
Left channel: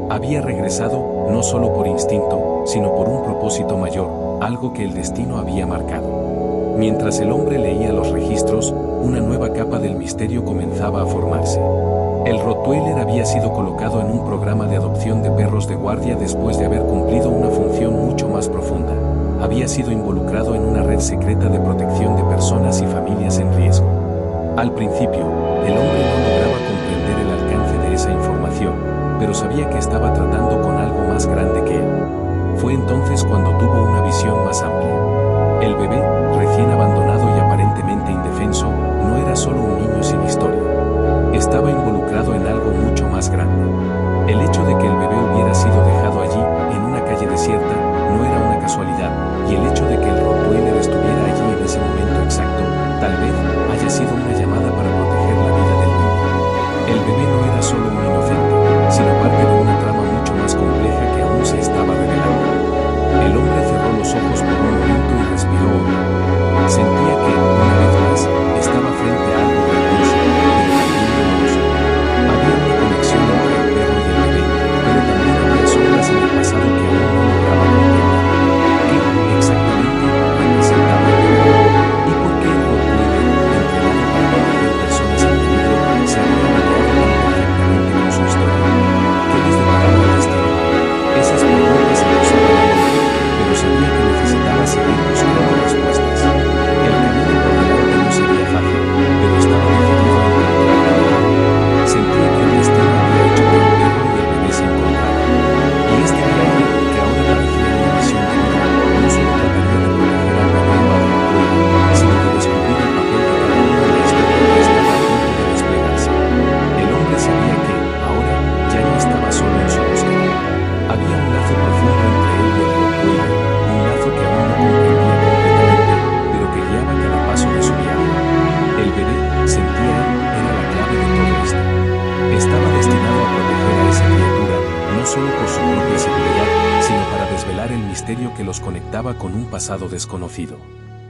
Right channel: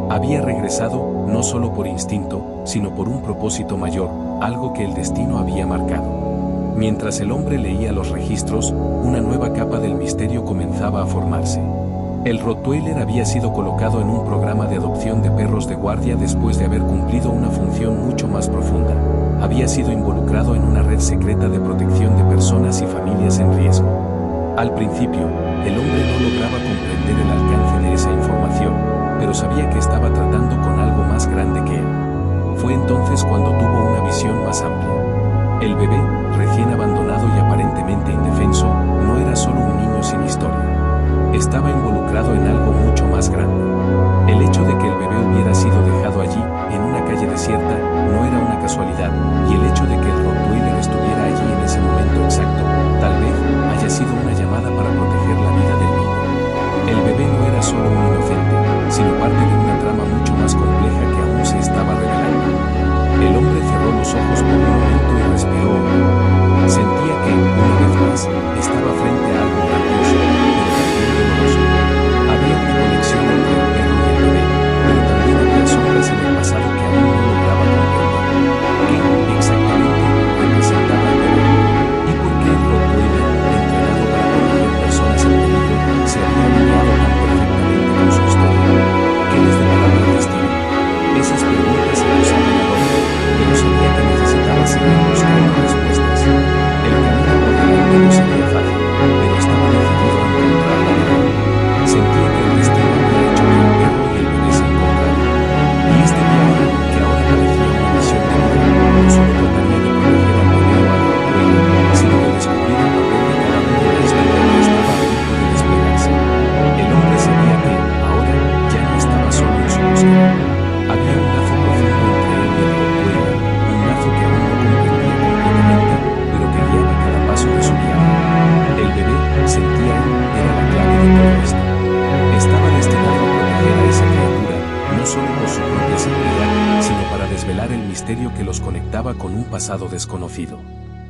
Había regresado, no solo por instinto, sino por un propósito mayor, algo que el destino había marcado. Mientras el hombre leía los registros, una nueva capa del misterio comenzaba a formarse. El Rottweiler había sido colocado en un programa de adopción de perros de guardia después de haber cumplido una función mucho más profunda. Había sido involucrado en una red secreta de protección de personas y familias en riesgo. Al principio, el hombre no lograba comprender el alcance de esa información, pero sabía que estaba tratando con algo más grande que él. Fue entonces cuando tuvo una visión más amplia. El bebé, recién abandonado y aparentemente indefenso, no era solo un niño sin historia. Estaba involucrado en algo mucho más grande. El hecho de que el bebé hubiera sido dejado allí, en una calle desierta, no era una casualidad, y el hecho de que el Rottweiler estuviera allí en ese momento exacto, tal vez, haya sido una llamada para proteger la vida del niño. El bebé no era solo un inocente, sino parte de una trama mucho más compleja que aún se estaba revelando. El hombre cerró los ojos por un momento y respiró hondo. Sentía que, una vez más, estaba frente a algo grandioso, pero también doloroso. Había una conexión entre el perro y el bebé, pero también había sombras en el pasado que aún no lograba comprender. ¿Qué, exactamente, representaba el bebé? ¿Y por qué el Rottweiler, entrenado para proteger personas en peligro, se había alineado tan perfectamente con su historia? ¿Qué les deparaba el destino? Esas preguntas acosaban al hombre, pero sabía que necesitaba seguir buscando respuestas. El camino por delante sentía él, era la clave de todo esto. Estaba destinado a proteger a esa criatura, no solo por su propia seguridad, sino para desvelar el misterio que los conectaba con un pasado desconocido.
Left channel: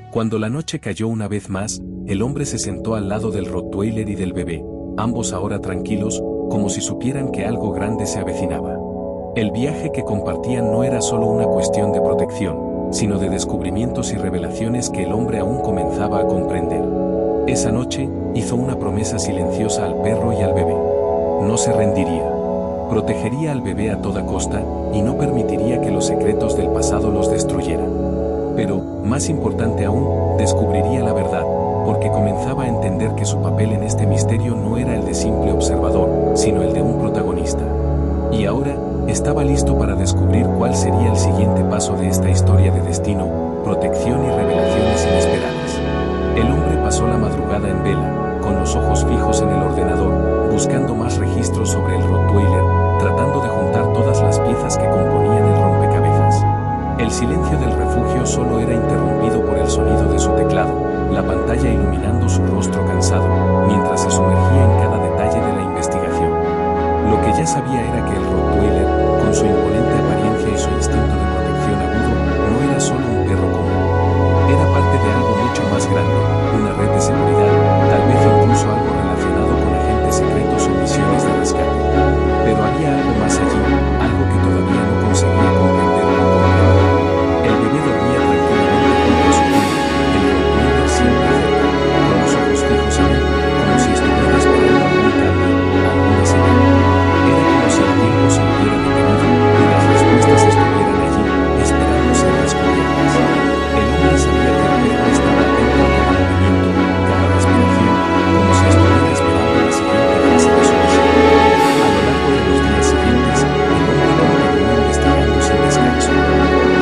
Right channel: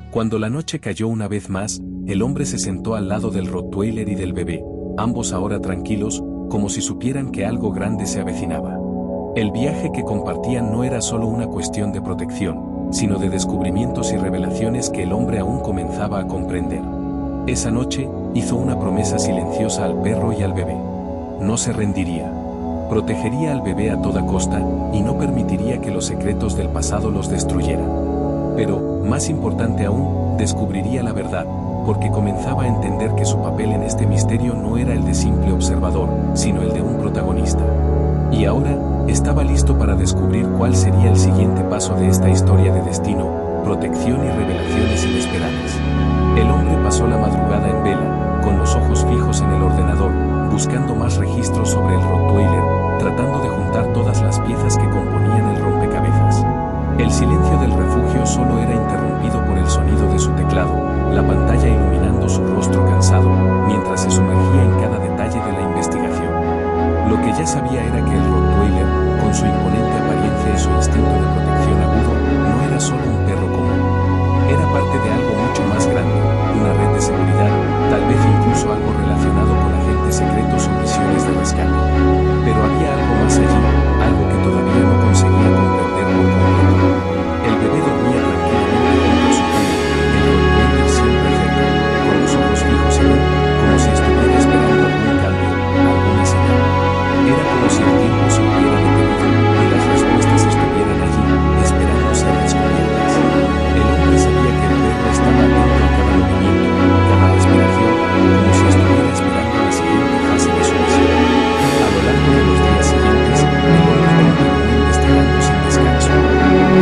Cuando la noche cayó una vez más, el hombre se sentó al lado del Rottweiler y del bebé, ambos ahora tranquilos, como si supieran que algo grande se avecinaba. El viaje que compartían no era solo una cuestión de protección, sino de descubrimientos y revelaciones que el hombre aún comenzaba a comprender. Esa noche, hizo una promesa silenciosa al perro y al bebé. No se rendiría. Protegería al bebé a toda costa, y no permitiría que los secretos del pasado los destruyeran. Pero, más importante aún, descubriría la verdad, porque comenzaba a entender que su papel en este misterio no era el de simple observador, sino el de un protagonista. Y ahora, estaba listo para descubrir cuál sería el siguiente paso de esta historia de destino, protección y revelaciones inesperadas. El hombre pasó la madrugada en vela, con los ojos fijos en el ordenador, buscando más registros sobre el Rottweiler, tratando de juntar todas las piezas que componían el rompecabezas. El silencio del refugio solo era interrumpido por el sonido de su teclado, la pantalla iluminando su rostro cansado, mientras se sumergía en cada detalle de la investigación. Lo que ya sabía era que el Rottweiler, con su imponente apariencia y su instinto de protección agudo, no era solo un perro común. Era parte de algo mucho más grande, una red de seguridad, tal vez incluso algo relacionado con agentes secretos o misiones de rescate. Pero había algo más allí, algo que todavía no conseguía comprender por completo. El bebé dormía tranquilamente junto a su cuna, el Rottweiler siempre cerca, con los ojos fijos en él, como si estuviera esperando algún cambio, alguna señal. Era como si el tiempo se hubiera detenido y las respuestas estuvieran allí, esperando ser descubiertas. El hombre sabía que el perro estaba atento a cada movimiento, cada respiración, como si estuviera esperando la siguiente fase de su misión. A lo largo de los días siguientes, el hombre continuó investigando sin descanso.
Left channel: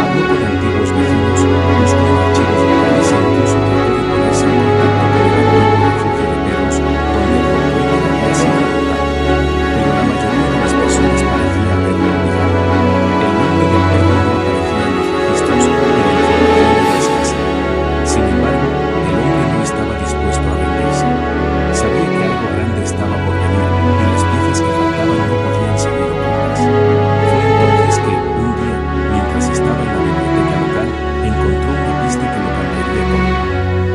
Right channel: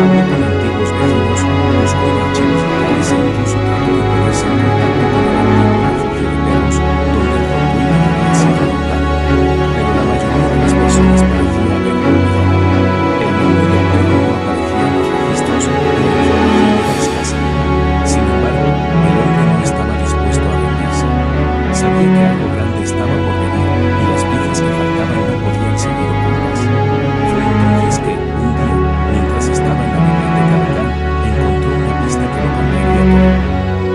Habló con antiguos vecinos, buscó en archivos locales e incluso trató de ponerse en contacto con el antiguo refugio de perros, donde el Rottweiler había sido adoptado. Pero la mayoría de las personas parecía haberlo olvidado. El nombre del perro no aparecía en los registros y la información era escasa. Sin embargo, el hombre no estaba dispuesto a rendirse. Sabía que algo grande estaba por venir y las piezas que faltaban no podían seguir ocultas. Fue entonces que, un día, mientras estaba en la biblioteca local, encontró una pista que lo cambiaría todo.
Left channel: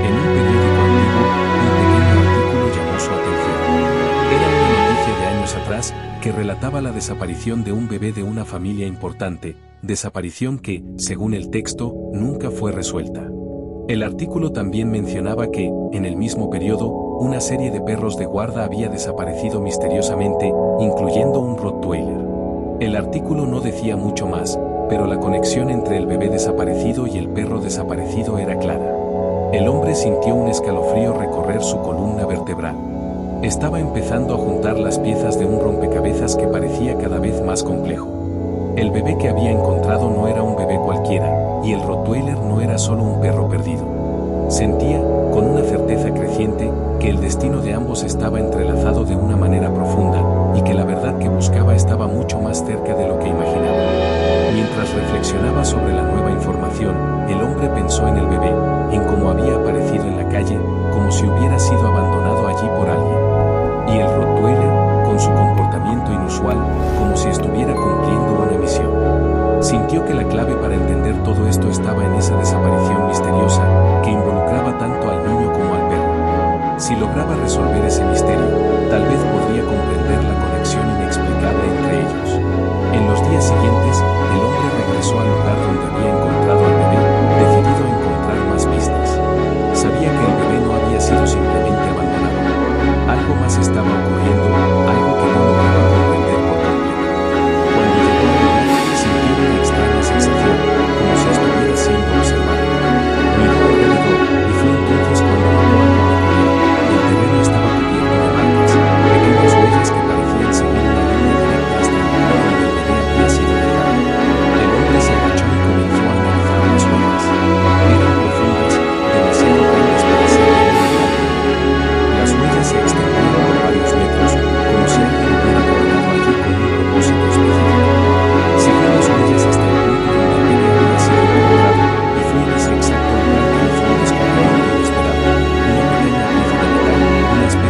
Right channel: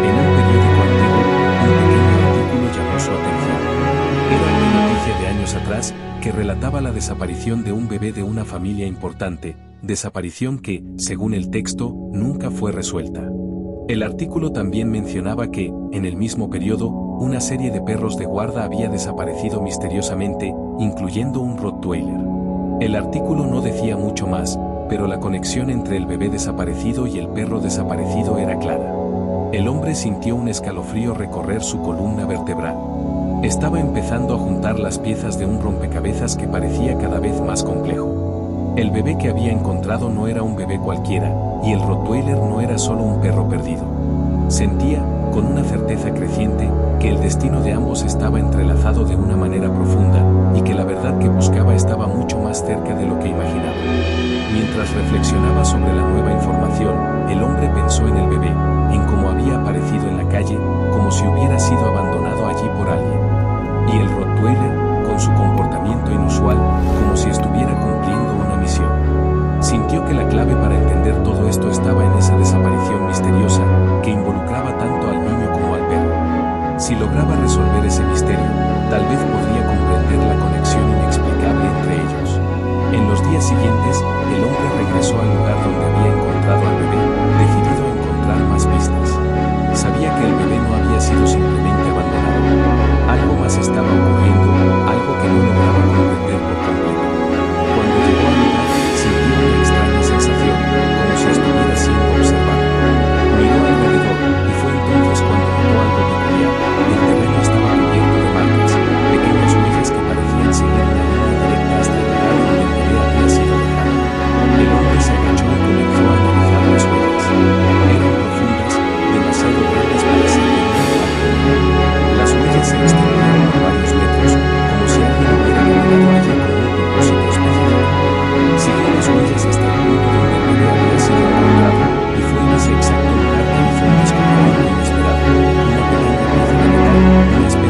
En un periódico antiguo, un pequeño artículo llamó su atención. Era una noticia de años atrás que relataba la desaparición de un bebé de una familia importante, desaparición que, según el texto, nunca fue resuelta. El artículo también mencionaba que, en el mismo periodo, una serie de perros de guarda había desaparecido misteriosamente, incluyendo un Rottweiler. El artículo no decía mucho más, pero la conexión entre el bebé desaparecido y el perro desaparecido era clara. El hombre sintió un escalofrío recorrer su columna vertebral. Estaba empezando a juntar las piezas de un rompecabezas que parecía cada vez más complejo. El bebé que había encontrado no era un bebé cualquiera, y el Rottweiler no era solo un perro perdido. Sentía, con una certeza creciente, que el destino de ambos estaba entrelazado de una manera profunda, y que la verdad que buscaba estaba mucho más cerca de lo que imaginaba. Mientras reflexionaba sobre la nueva información, el hombre pensó en el bebé, en cómo había aparecido en la calle, como si hubiera sido abandonado allí por alguien. Y el Rottweiler, con su comportamiento inusual, como si estuviera cumpliendo una misión. Sintió que la clave para entender todo esto estaba en esa desaparición misteriosa, que involucraba tanto al niño como al perro. Si lograba resolver ese misterio, tal vez podría comprender la conexión inexplicable entre ellos. En los días siguientes, el hombre regresó al lugar donde había encontrado al bebé, decidido a encontrar más pistas. Sabía que el bebé no había sido simplemente abandonado. Algo más estaba ocurriendo, algo que no lograba comprender por completo. Cuando llegó al lugar, sintió una extraña sensación, como si estuviera siendo observado. Miró alrededor, y fue entonces cuando notó algo peculiar. El terreno estaba cubierto de marcas, pequeñas huellas que parecían seguir una línea directa hasta el lugar donde el bebé había sido dejado. El hombre se agachó y comenzó a analizar las huellas. Eran profundas, demasiado grandes para ser de un metal común. Las huellas se extendían por varios metros, como si alguien hubiera caminado allí con un propósito específico. Siguió las huellas hasta el punto donde el bebé había sido encontrado, y fue en ese exacto lugar que hizo un descubrimiento inesperado, una pequeña pieza de metal, una especie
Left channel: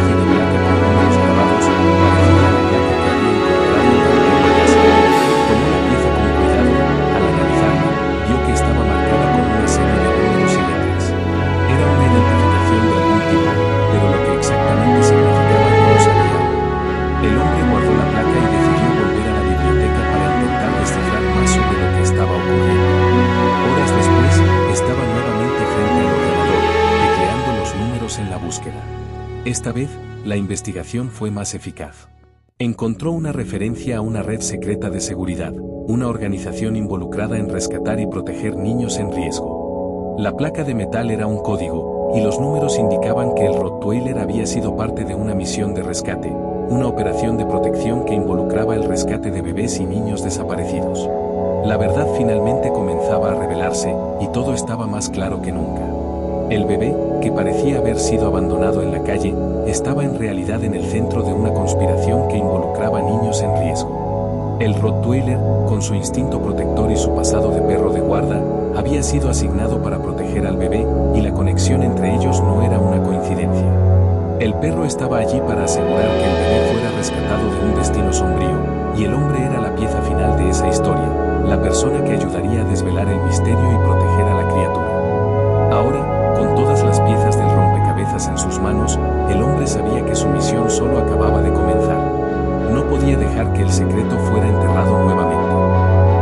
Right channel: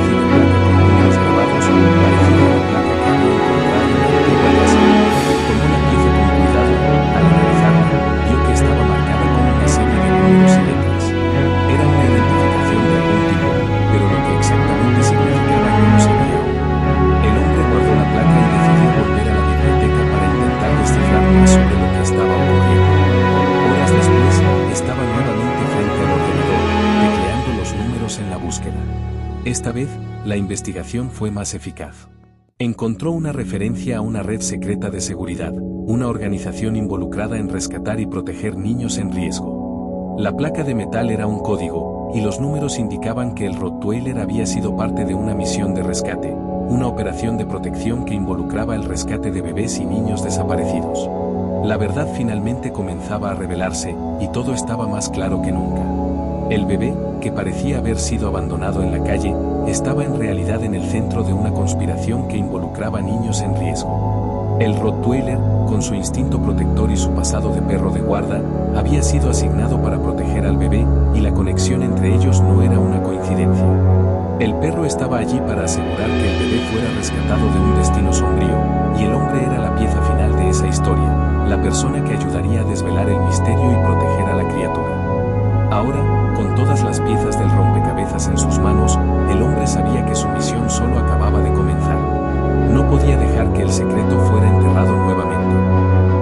placa y decidió volver a la biblioteca para intentar descifrar más sobre lo que estaba ocurriendo. Horas después, estaba nuevamente frente al ordenador, tecleando los números en la búsqueda. Esta vez, la investigación fue más eficaz. Encontró una referencia a una red secreta de seguridad, una organización involucrada en rescatar y proteger niños en riesgo. La placa de metal era un código, y los números indicaban que el Rottweiler había sido parte de una misión de rescate, una operación de protección que involucraba el rescate de bebés y niños desaparecidos. La verdad finalmente comenzaba a revelarse, y todo estaba más claro que nunca. El bebé, que parecía haber sido abandonado en la calle, estaba en realidad en el centro de una conspiración que involucraba niños en riesgo. El Rottweiler, con su instinto protector y su pasado de perro de guarda, había sido asignado para proteger al bebé, y la conexión entre ellos no era una coincidencia. El perro estaba allí para asegurar que el bebé fuera rescatado de un destino sombrío, y el hombre era la pieza final de esa historia, la persona que ayudaría a desvelar el misterio y proteger a la criatura. Ahora, con todas las piezas del rompecabezas en sus manos, el hombre sabía que su misión solo acababa de comenzar. No podía dejar que el secreto fuera enterrado nuevamente.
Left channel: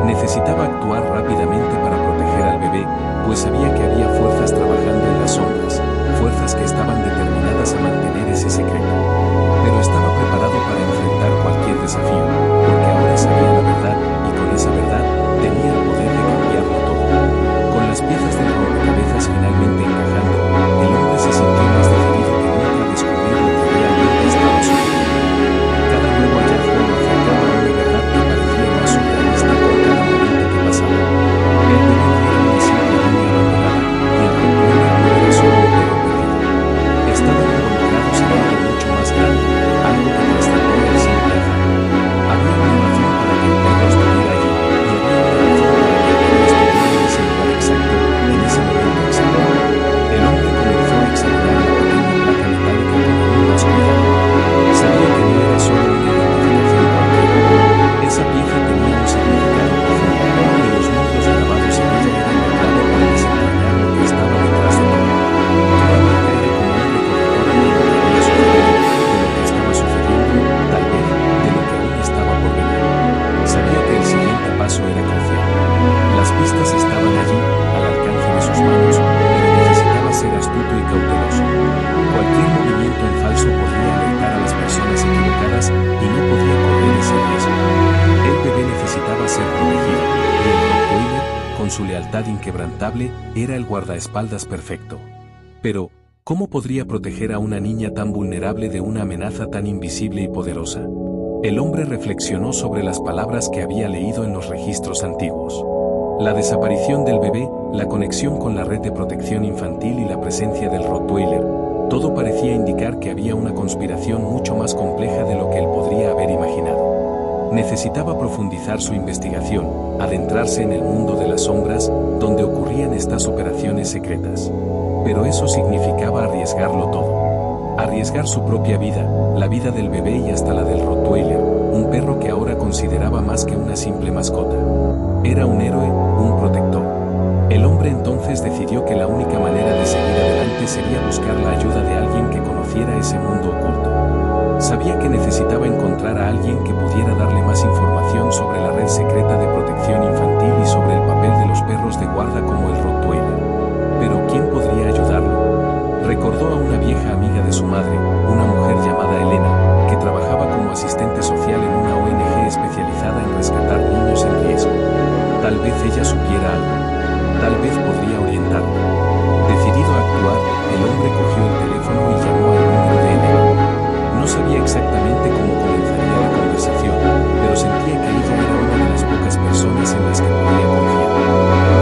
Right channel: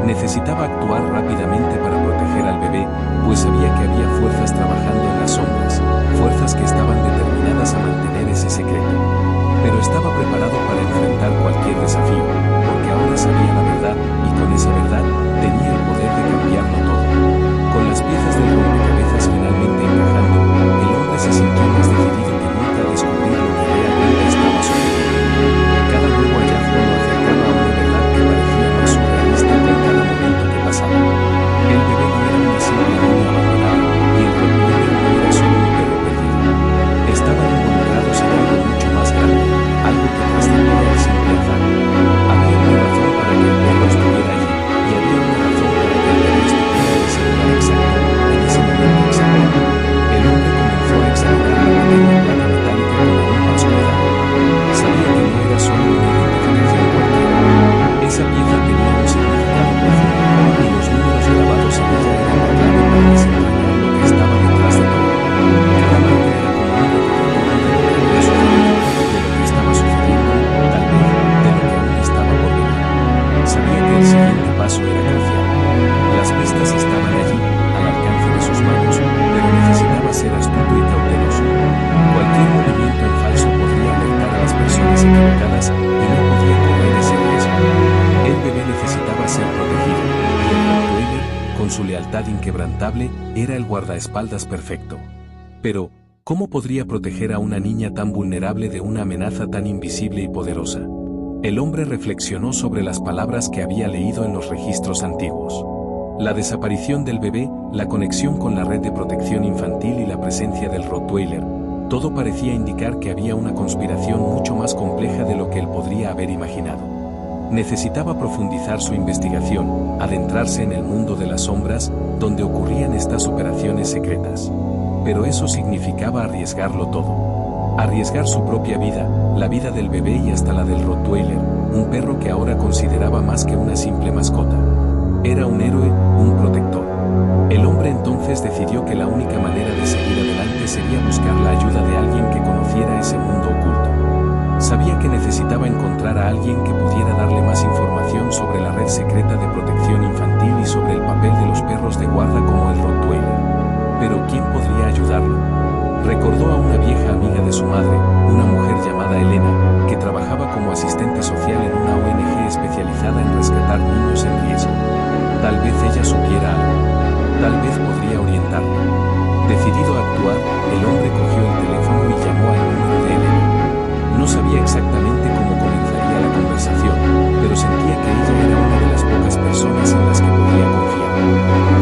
Necesitaba actuar rápidamente para proteger al bebé, pues sabía que había fuerzas trabajando en las sombras, fuerzas que estaban determinadas a mantener ese secreto. Pero estaba preparado para enfrentar cualquier desafío, porque ahora sabía la verdad, y con esa verdad, tenía el poder de cambiarlo todo. Con las piezas del rompecabezas finalmente encajando, el hombre se sintió más decidido que nunca a descubrir lo que realmente estaba sucediendo. Cada nuevo hallazgo lo acercaba a una verdad que parecía más surrealista con cada momento que pasaba. El bebé no era una simple niña abandonada, y el Rottweiler no era solo un perro perdido. Estaban involucrados en algo mucho más grande, algo que trascendió el simple azar. Había una razón para que el perro estuviera allí, y había una razón para que el bebé estuviera en ese lugar exacto, en ese momento exacto. El hombre comenzó a examinar la pequeña placa metálica con aún más cuidado. Sabía que no era solo una identificación cualquiera. Esa pieza tenía un significado profundo, y los números grabados en ella eran la clave para desentrañar lo que estaba detrás de todo. Cada marca era como un recordatorio de lo que había sucedido, de lo que estaba sucediendo, tal vez, de lo que aún estaba por venir. Sabía que el siguiente paso era crucial. Las pistas estaban allí, al alcance de sus manos, pero necesitaba ser astuto y cauteloso. Cualquier movimiento en falso podría alertar a las personas equivocadas, y no podía correr ese riesgo. El bebé necesitaba ser protegido, y el Rottweiler, con su lealtad inquebrantable, era el guardaespaldas perfecto. Pero, ¿cómo podría proteger a una niña tan vulnerable de una amenaza tan invisible y poderosa? El hombre reflexionó sobre las palabras que había leído en los registros antiguos. La desaparición del bebé, la conexión con la red de protección infantil y la presencia del Rottweiler, todo parecía indicar que había una conspiración mucho más compleja de lo que él podría haber imaginado. Necesitaba profundizar su investigación, adentrarse en el mundo de las sombras, donde ocurrían estas operaciones secretas. Pero eso significaba arriesgarlo todo. Arriesgar su propia vida, la vida del bebé y hasta la del Rottweiler, un perro que ahora consideraba más que una simple mascota. Era un héroe, un protector. El hombre entonces decidió que la única manera de seguir adelante sería buscar la ayuda de alguien que conociera ese mundo oculto. Sabía que necesitaba encontrar a alguien que pudiera darle más información sobre la red secreta de protección infantil y sobre el papel de los perros de guarda como el Rottweiler. Pero ¿quién podría ayudarlo? Recordó a una vieja amiga de su madre, una mujer llamada Elena, que trabajaba como asistente social en una ONG especializada en rescatar niños en riesgo. Tal vez ella supiera algo. Tal vez podría orientarlo. Decidido a actuar, el hombre cogió el teléfono y llamó al número de Elena. No sabía exactamente cómo comenzaría la conversación, pero sentía que ella era una de las pocas personas en las que podía confiar.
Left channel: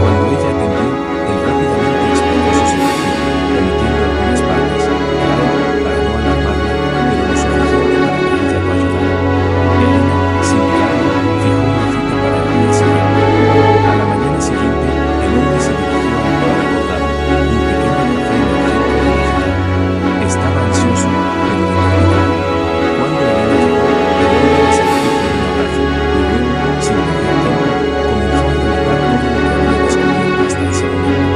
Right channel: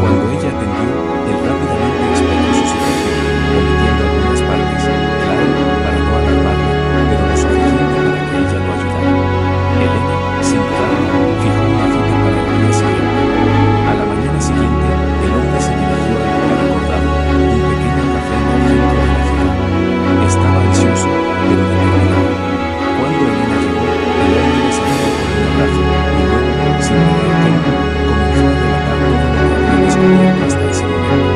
Cuando ella atendió, él rápidamente explicó su situación, omitiendo algunas partes, claro, para no alarmarla, pero lo suficiente para que ella lo ayudara. Elena, sin dudarlo, fijó una cita para el día siguiente. A la mañana siguiente, el hombre se dirigió al lugar acordado, un pequeño café en el centro de la ciudad. Estaba ansioso, pero determinado. Cuando Elena llegó, el hombre la saludó con un abrazo, y luego, sin perder tiempo, comenzó a relatar todo lo que había descubierto hasta ese momento.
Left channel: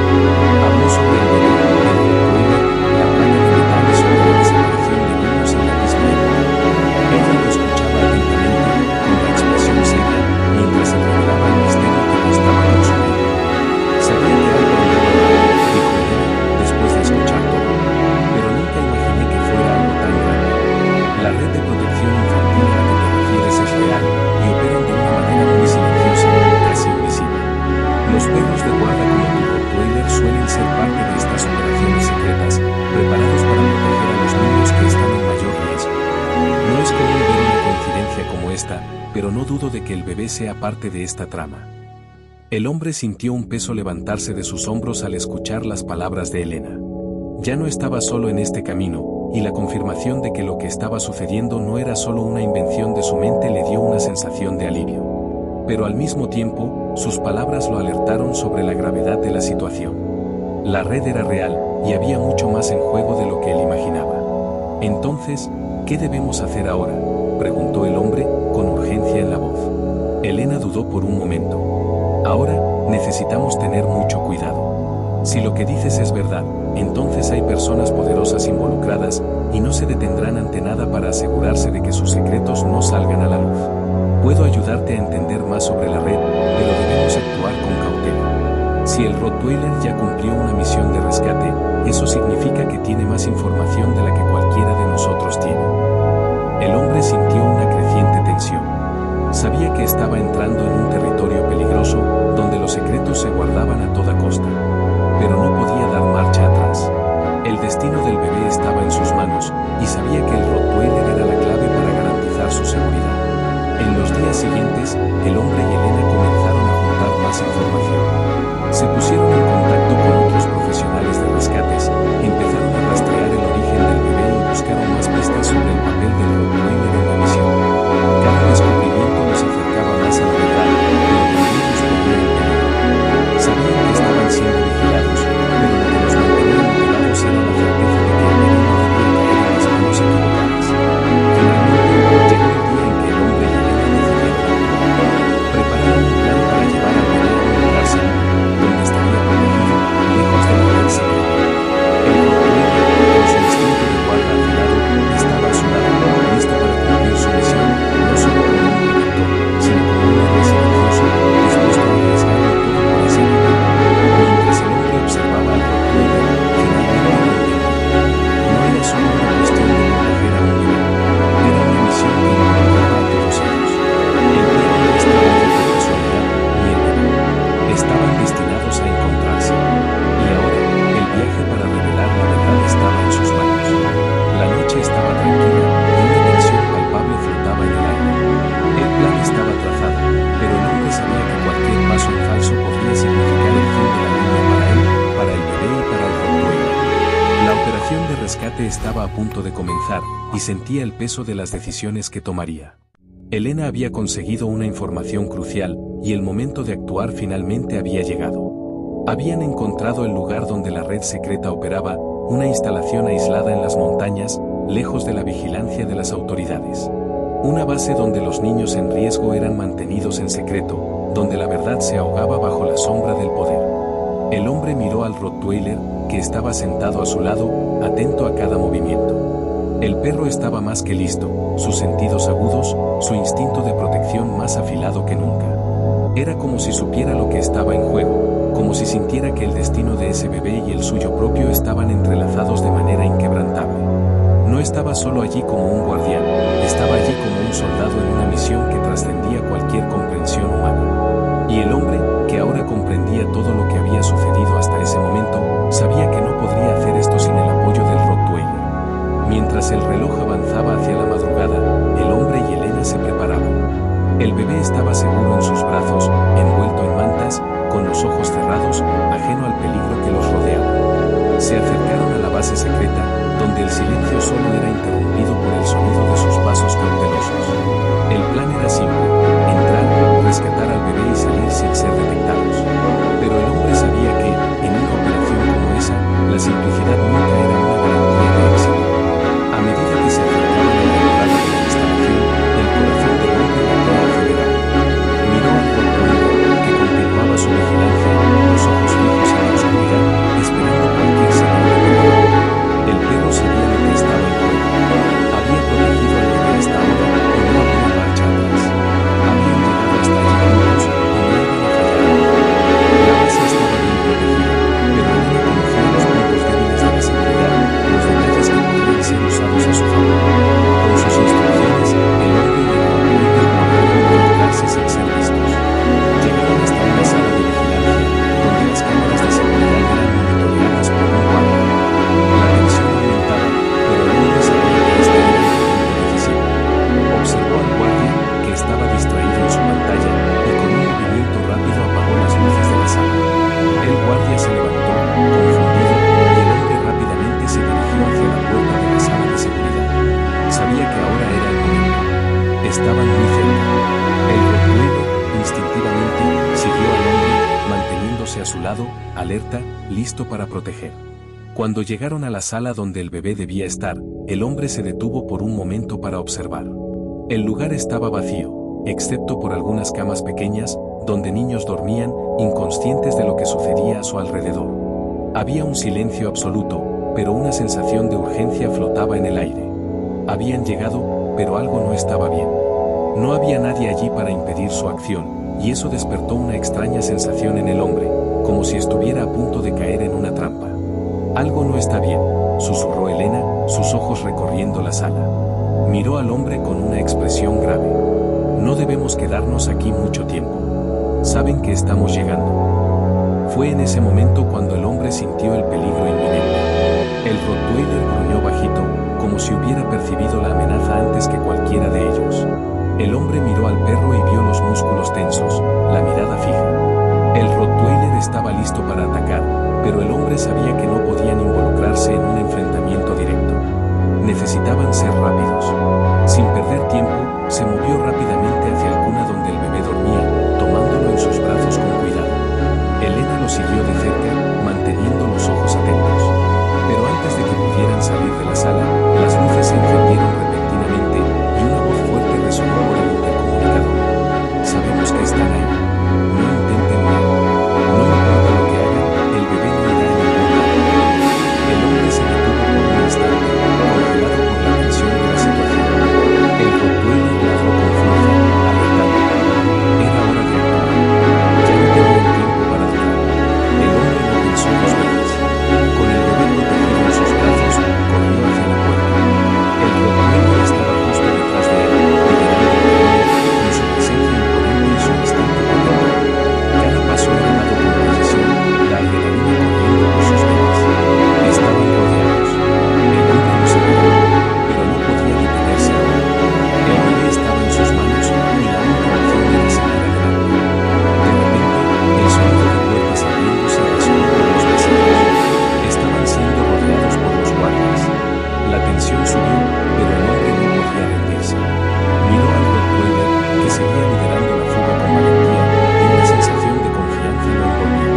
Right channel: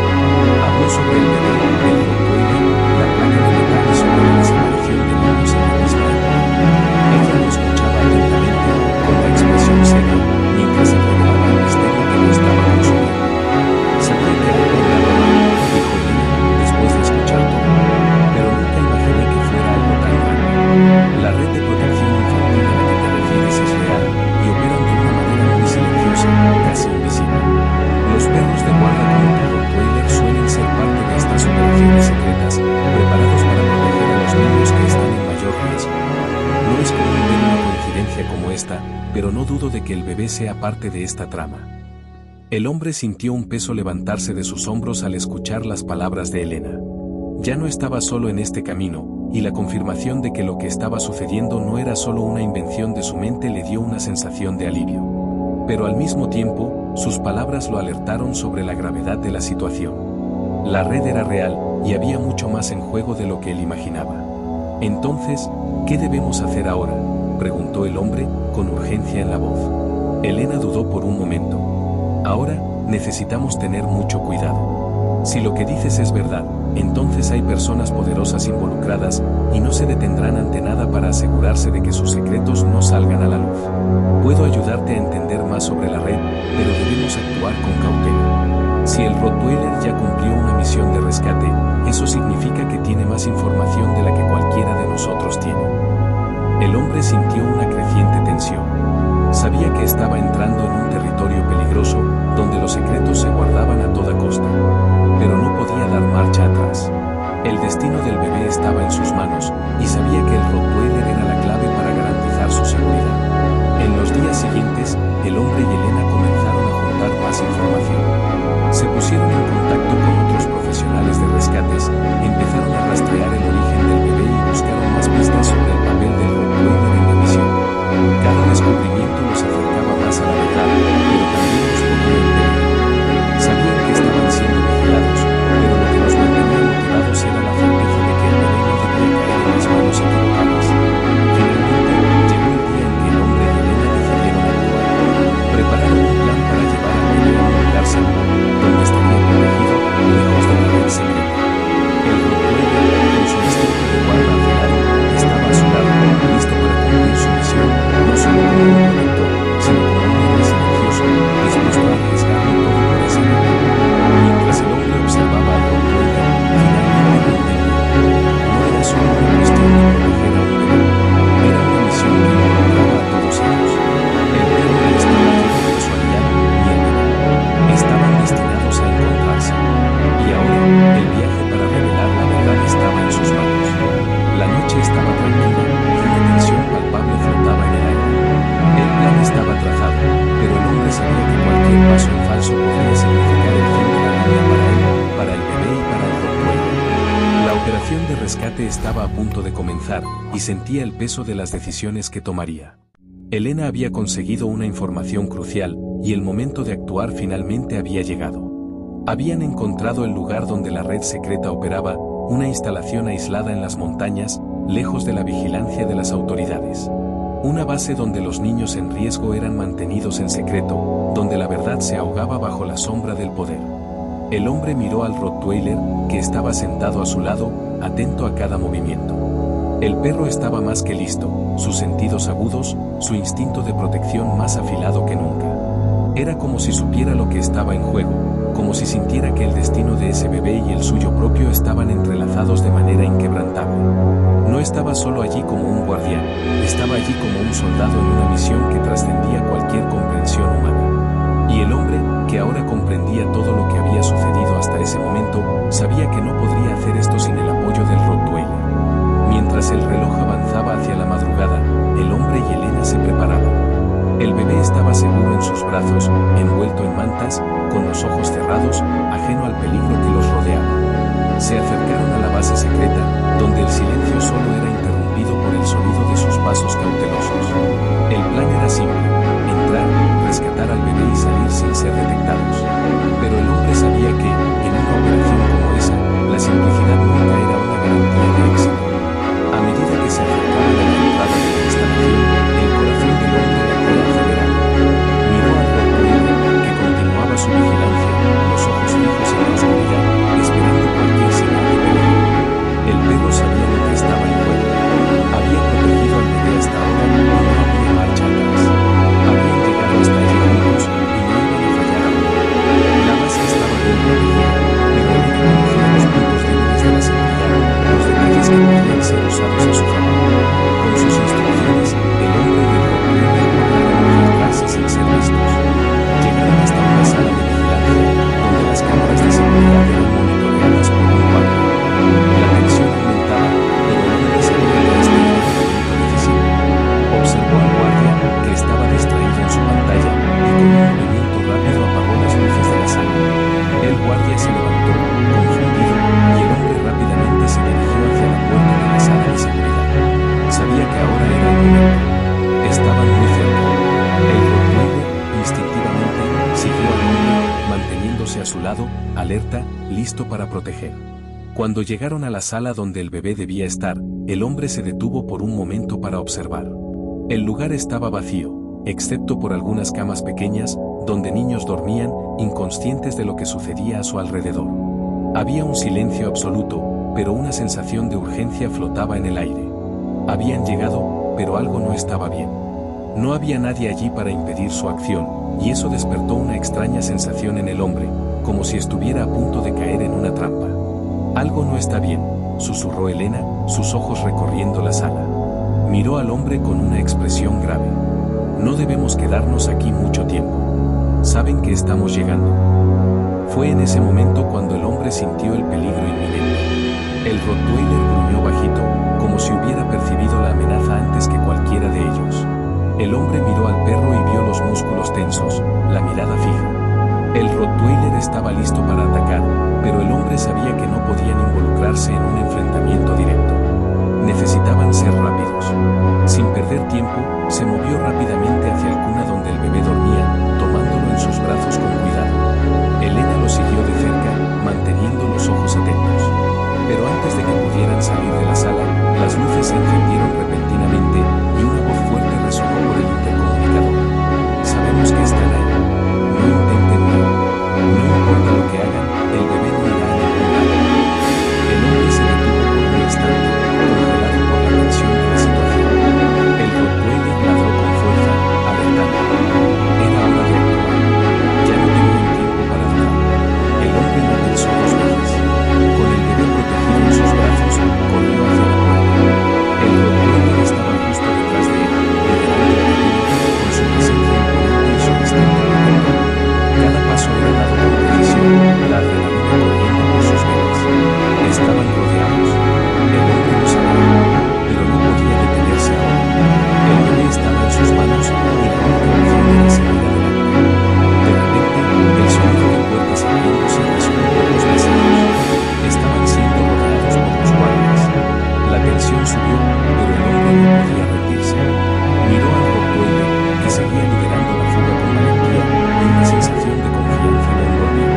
Habló sobre el bebé, el Rottweiler, la placa de metal perros de guarda como tu Rottweiler suelen ser parte de estas operaciones secretas, preparados para proteger a los niños que están en mayor riesgo. No es común ver una coincidencia como esta, pero no dudo de que el bebé sea parte de esta trama. El hombre sintió un peso levantarse de sus hombros al escuchar las palabras de Elena. Ya no estaba solo en este camino, y la confirmación de que lo que estaba sucediendo no era solo una invención de su mente le dio una sensación de alivio. Pero al mismo tiempo, sus palabras lo alertaron sobre la gravedad de la situación. La red era real, y había mucho más en juego de lo que él imaginaba. Entonces, ¿qué debemos hacer ahora?, preguntó el hombre, con urgencia en la voz. Elena dudó por un momento. Ahora, necesitamos tener mucho cuidado. Si lo que dices es verdad, entonces hay personas poderosas involucradas, y no se detendrán ante nada para asegurarse de que sus secretos no salgan a la luz. Puedo ayudarte a entender más sobre la red, pero debemos actuar con cautela. Si el Rottweiler ya cumplió una misión de rescate, eso significa que tiene más información de la que cualquiera de nosotros tiene. El hombre sintió una creciente tensión. Sabía que estaba entrando en un territorio peligroso, donde los secretos se guardaban a toda costa. Pero no podía dar marcha atrás. El destino del bebé estaba en sus manos, y sabía que el Rottweiler era la clave para garantizar su seguridad. En los días siguientes, el hombre y Elena comenzaron a juntar más información. Se pusieron en contacto con otros profesionales de rescates, empezaron a rastrear el origen del bebé y buscaron más pistas sobre el papel del Rottweiler en la misión. Cada descubrimiento los acercaba más a la verdad, pero también los ponía en peligro. Sabían que estaban siendo vigilados, pero lo que los mantenía motivados era la certeza de que el bebé no debía caer en las manos equivocadas. Finalmente, llegó el día en que el hombre y Elena decidieron actuar. Prepararon un plan para llevar al bebé a un lugar seguro, donde estaría protegido, lejos de la red secreta. El Rottweiler, con su instinto de guarda afilado, estaba a su lado, listo para cumplir su misión, no solo como un protector, sino como un héroe silencioso, dispuesto a arriesgarlo todo por ese bebé. Mientras el hombre observaba al Rottweiler, finalmente lo entendió. No era solo una cuestión de proteger a un bebé, era una misión que involucraba a todos ellos. El perro no estaba allí por casualidad, ni el bebé. Estaban destinados a encontrarse. Y ahora, el viaje para revelar la verdad estaba en sus manos. La noche estaba tranquila, y una tensión palpable flotaba en el aire. El plan estaba trazado, pero el hombre sabía que cualquier paso en falso podría significar el fin de la línea para él, para el bebé y para el Rottweiler. La operación de rescate estaba a punto de comenzar, y sentía el peso de las decisiones que tomaría. Elena había conseguido una información crucial, y el momento de actuar finalmente había llegado. Habían encontrado el lugar donde la red secreta operaba, una instalación aislada en las montañas, lejos de la vigilancia de las autoridades. Una base donde los niños en riesgo eran mantenidos en secreto, donde la verdad se ahogaba bajo la sombra del poder. El hombre miró al Rottweiler, que estaba sentado a su lado, atento a cada movimiento. El perro estaba más que listo, sus sentidos agudos, su instinto de protección más afilado que nunca. Era como si supiera lo que estaba en juego, como si sintiera que el destino de ese bebé y el suyo propio estaban entrelazados de manera inquebrantable. No estaba solo allí como un guardián, estaba allí como un soldado en una misión que trascendía cualquier comprensión humana. Y el hombre, que ahora comprendía todo lo que había sucedido hasta ese momento, sabía que no podría hacer esto sin el apoyo del Rottweiler. Mientras el reloj avanzaba hacia la madrugada, el hombre y Elena se preparaban. El bebé estaba seguro en sus brazos, envuelto en mantas, con los ojos cerrados, ajeno al peligro que los rodeaba. Se acercaron a la base secreta, donde el silencio solo era interrumpido por el sonido de sus pasos cautelosos. El plan era simple: entrar, rescatar al bebé y salir sin ser detectados. Pero el hombre sabía que, en una operación como esa, la simplicidad nunca era una garantía de éxito. A medida que se acercaban a la entrada de la instalación, el corazón del hombre latía acelerado. Miró al Rottweiler, que continuaba su vigilancia, los ojos fijos en la oscuridad, esperando cualquier señal de peligro. El perro sabía lo que estaba en juego. Había protegido al bebé hasta ahora y no había marcha atrás. Habían llegado hasta allí juntos y no iban a fallar ahora. La base estaba bien protegida, pero Elena conocía los puntos débiles de la seguridad, los detalles que podían ser usados a su favor. Con sus instrucciones, el hombre y el Rottweiler lograron infiltrarse sin ser vistos. Llegaron hasta una sala de vigilancia, las cámaras de seguridad eran monitoreadas por un guardia. La tensión aumentaba, pero el hombre sabía que este era el momento decisivo. Observó al guardia, que estaba distraído en su pantalla, y con un movimiento rápido apagó las luces de la sala. El guardia se levantó, confundido, y el hombre rápidamente se dirigió hacia la puerta de la sala de seguridad. Sabía que ahora era el momento. Estaban muy cerca. El Rottweiler, instintivamente, siguió al hombre, manteniéndose a su lado, alerta, listo para proteger. Cuando llegaron a la sala donde el bebé debía estar, el hombre se detuvo por un momento para observar. El lugar estaba vacío, excepto por algunas camas pequeñas, donde niños dormían, inconscientes de lo que sucedía a su alrededor. Había un silencio absoluto, pero una sensación de urgencia flotaba en el aire. Habían llegado, pero algo no estaba bien. No había nadie allí para impedir su acción, y eso despertó una extraña sensación en el hombre, como si estuviera a punto de caer en una trampa. Algo no está bien, susurró Elena, sus ojos recorriendo la sala. Miró al hombre con una expresión grave. No debemos quedarnos aquí mucho tiempo. Saben que estamos llegando. Fue en ese momento cuando el hombre sintió el peligro inminente. El Rottweiler gruñó bajito, como si hubiera percibido la amenaza antes que cualquiera de ellos. El hombre miró al perro y vio los músculos tensos, la mirada fija. El Rottweiler estaba listo para atacar, pero el hombre sabía que no podían involucrarse en un enfrentamiento directo. Necesitaban ser rápidos. Sin perder tiempo, se movió rápidamente hacia el cuna donde el bebé dormía, tomándolo en sus brazos con cuidado. Elena lo siguió de cerca, manteniendo los ojos atentos. Pero antes de que pudieran salir de la sala, las luces se encendieron repentinamente y una voz fuerte resonó por el intercomunicador. Sabemos que están ahí. No intenten nada. No importa lo que hagan, el bebé no irá a ningún lado. El hombre se detuvo por un instante, congelado por la tensión de la situación. El Rottweiler ladró con fuerza, alertando. Era hora de actuar. Ya no tenían tiempo para dudar. El hombre no pensó dos veces. Con el bebé protegido en sus brazos, corrió hacia la puerta. El Rottweiler estaba justo detrás de él, liderando el camino, con su presencia imponente y su instinto protector. Cada paso era dado con precisión, la adrenalina corriendo por sus venas. Estaban rodeados. El hombre lo sabía, pero no podía detenerse ahora. El bebé estaba en sus manos y la única opción era seguir adelante. De repente, el sonido de puertas abriéndose resonó por los pasillos. Estaban siendo rodeados por los guardias. La tensión subió, pero el hombre no podía rendirse. Miró al Rottweiler, que seguía liderando la fuga con valentía, y una sensación de confianza lo envolvió.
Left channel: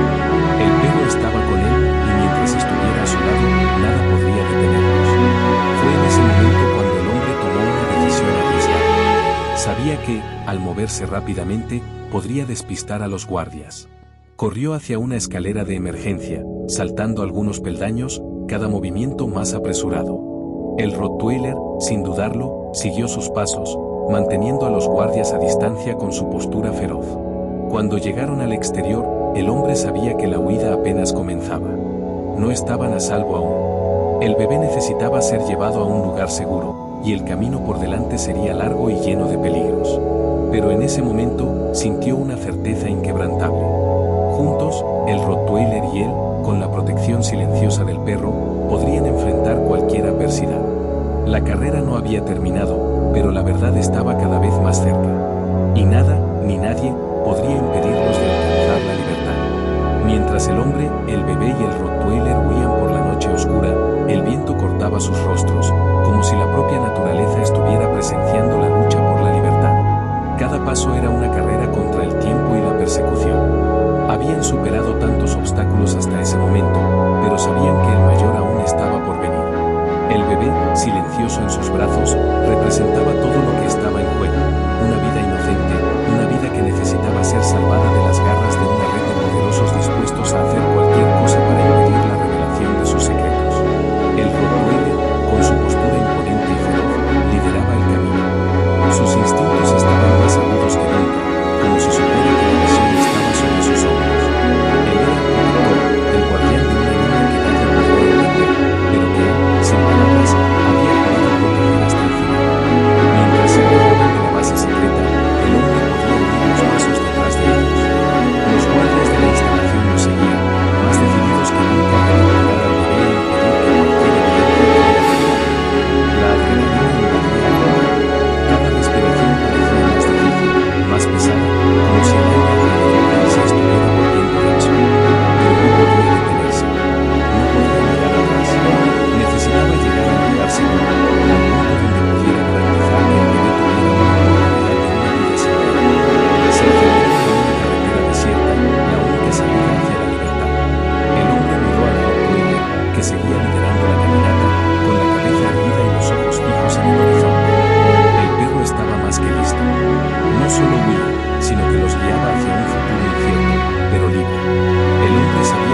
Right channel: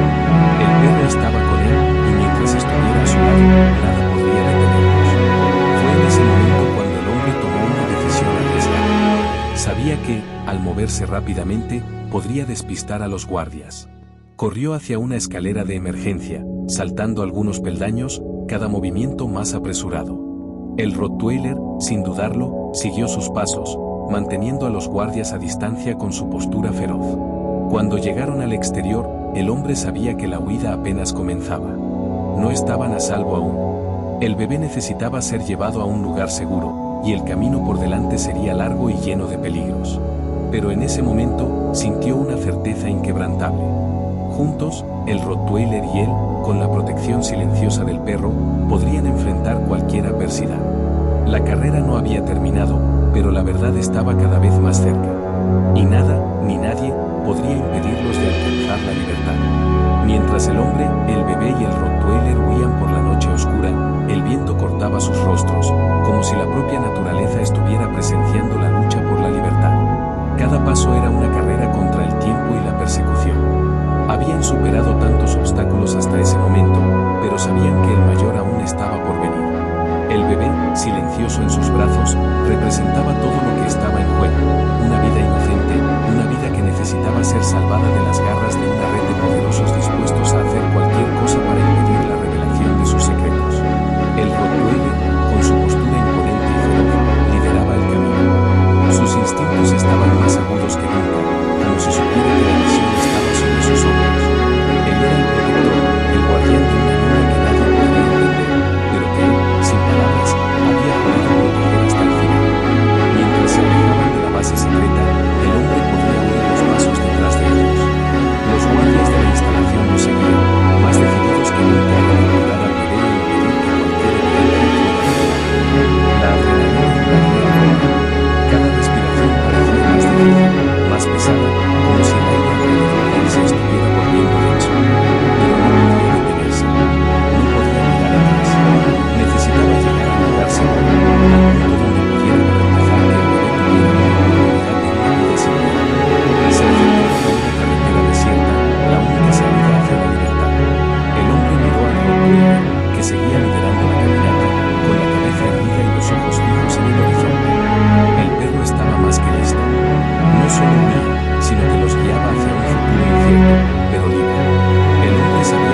El perro estaba con él, y mientras estuviera a su lado, nada podría detenerlos. Fue en ese momento cuando el hombre tomó una decisión arriesgada. Sabía que, al moverse rápidamente, podría despistar a los guardias. Corrió hacia una escalera de emergencia, saltando algunos peldaños, cada movimiento más apresurado. El Rottweiler, sin dudarlo, siguió sus pasos, manteniendo a los guardias a distancia con su postura feroz. Cuando llegaron al exterior, el hombre sabía que la huida apenas comenzaba. No estaban a salvo aún. El bebé necesitaba ser llevado a un lugar seguro, y el camino por delante sería largo y lleno de peligros. Pero en ese momento, sintió una certeza inquebrantable. Juntos, el Rottweiler y él, con la protección silenciosa del perro, podrían enfrentar cualquier adversidad. La carrera no había terminado, pero la verdad estaba cada vez más cerca. Y nada, ni nadie, podría impedirlos de alcanzar la libertad. Mientras el hombre, el bebé y el Rottweiler huían por la noche oscura, el viento cortaba sus rostros, como si la propia naturaleza estuviera presenciando la lucha por la libertad. Cada paso era una carrera contra el tiempo y la persecución. Habían superado tantos obstáculos hasta ese momento, pero sabían que el mayor aún estaba por venir. El bebé, silencioso en sus brazos, representaba todo lo que estaba en juego, una vida inocente, una vida que necesitaba ser salvada de las garras de una red de poderosos dispuestos a hacer cualquier cosa para impedir la revelación de sus secretos. El Rottweiler, con su postura imponente y feroz, lideraba el camino. Sus instintos estaban más agudos que nunca, como si supiera que la visión estaba sobre sus hombros. Él era el protector, el guardián de una niña que nadie podía entender, pero que él, sin palabras, había jurado proteger hasta el final. Mientras se alejaban de la base secreta, el hombre podía oír los pasos detrás de ellos. Los guardias de la instalación los seguían,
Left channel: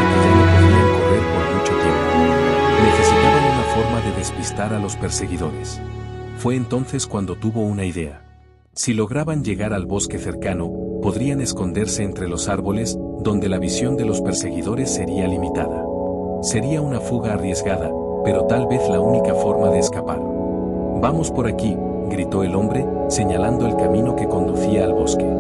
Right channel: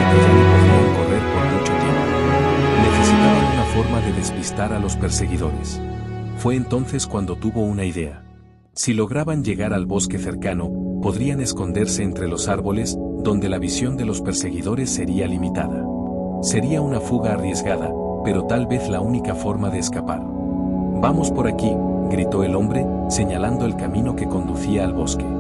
que ya no podían correr por mucho tiempo. Necesitaban una forma de despistar a los perseguidores. Fue entonces cuando tuvo una idea. Si lograban llegar al bosque cercano, podrían esconderse entre los árboles, donde la visión de los perseguidores sería limitada. Sería una fuga arriesgada, pero tal vez la única forma de escapar. «Vamos por aquí», gritó el hombre, señalando el camino que conducía al bosque.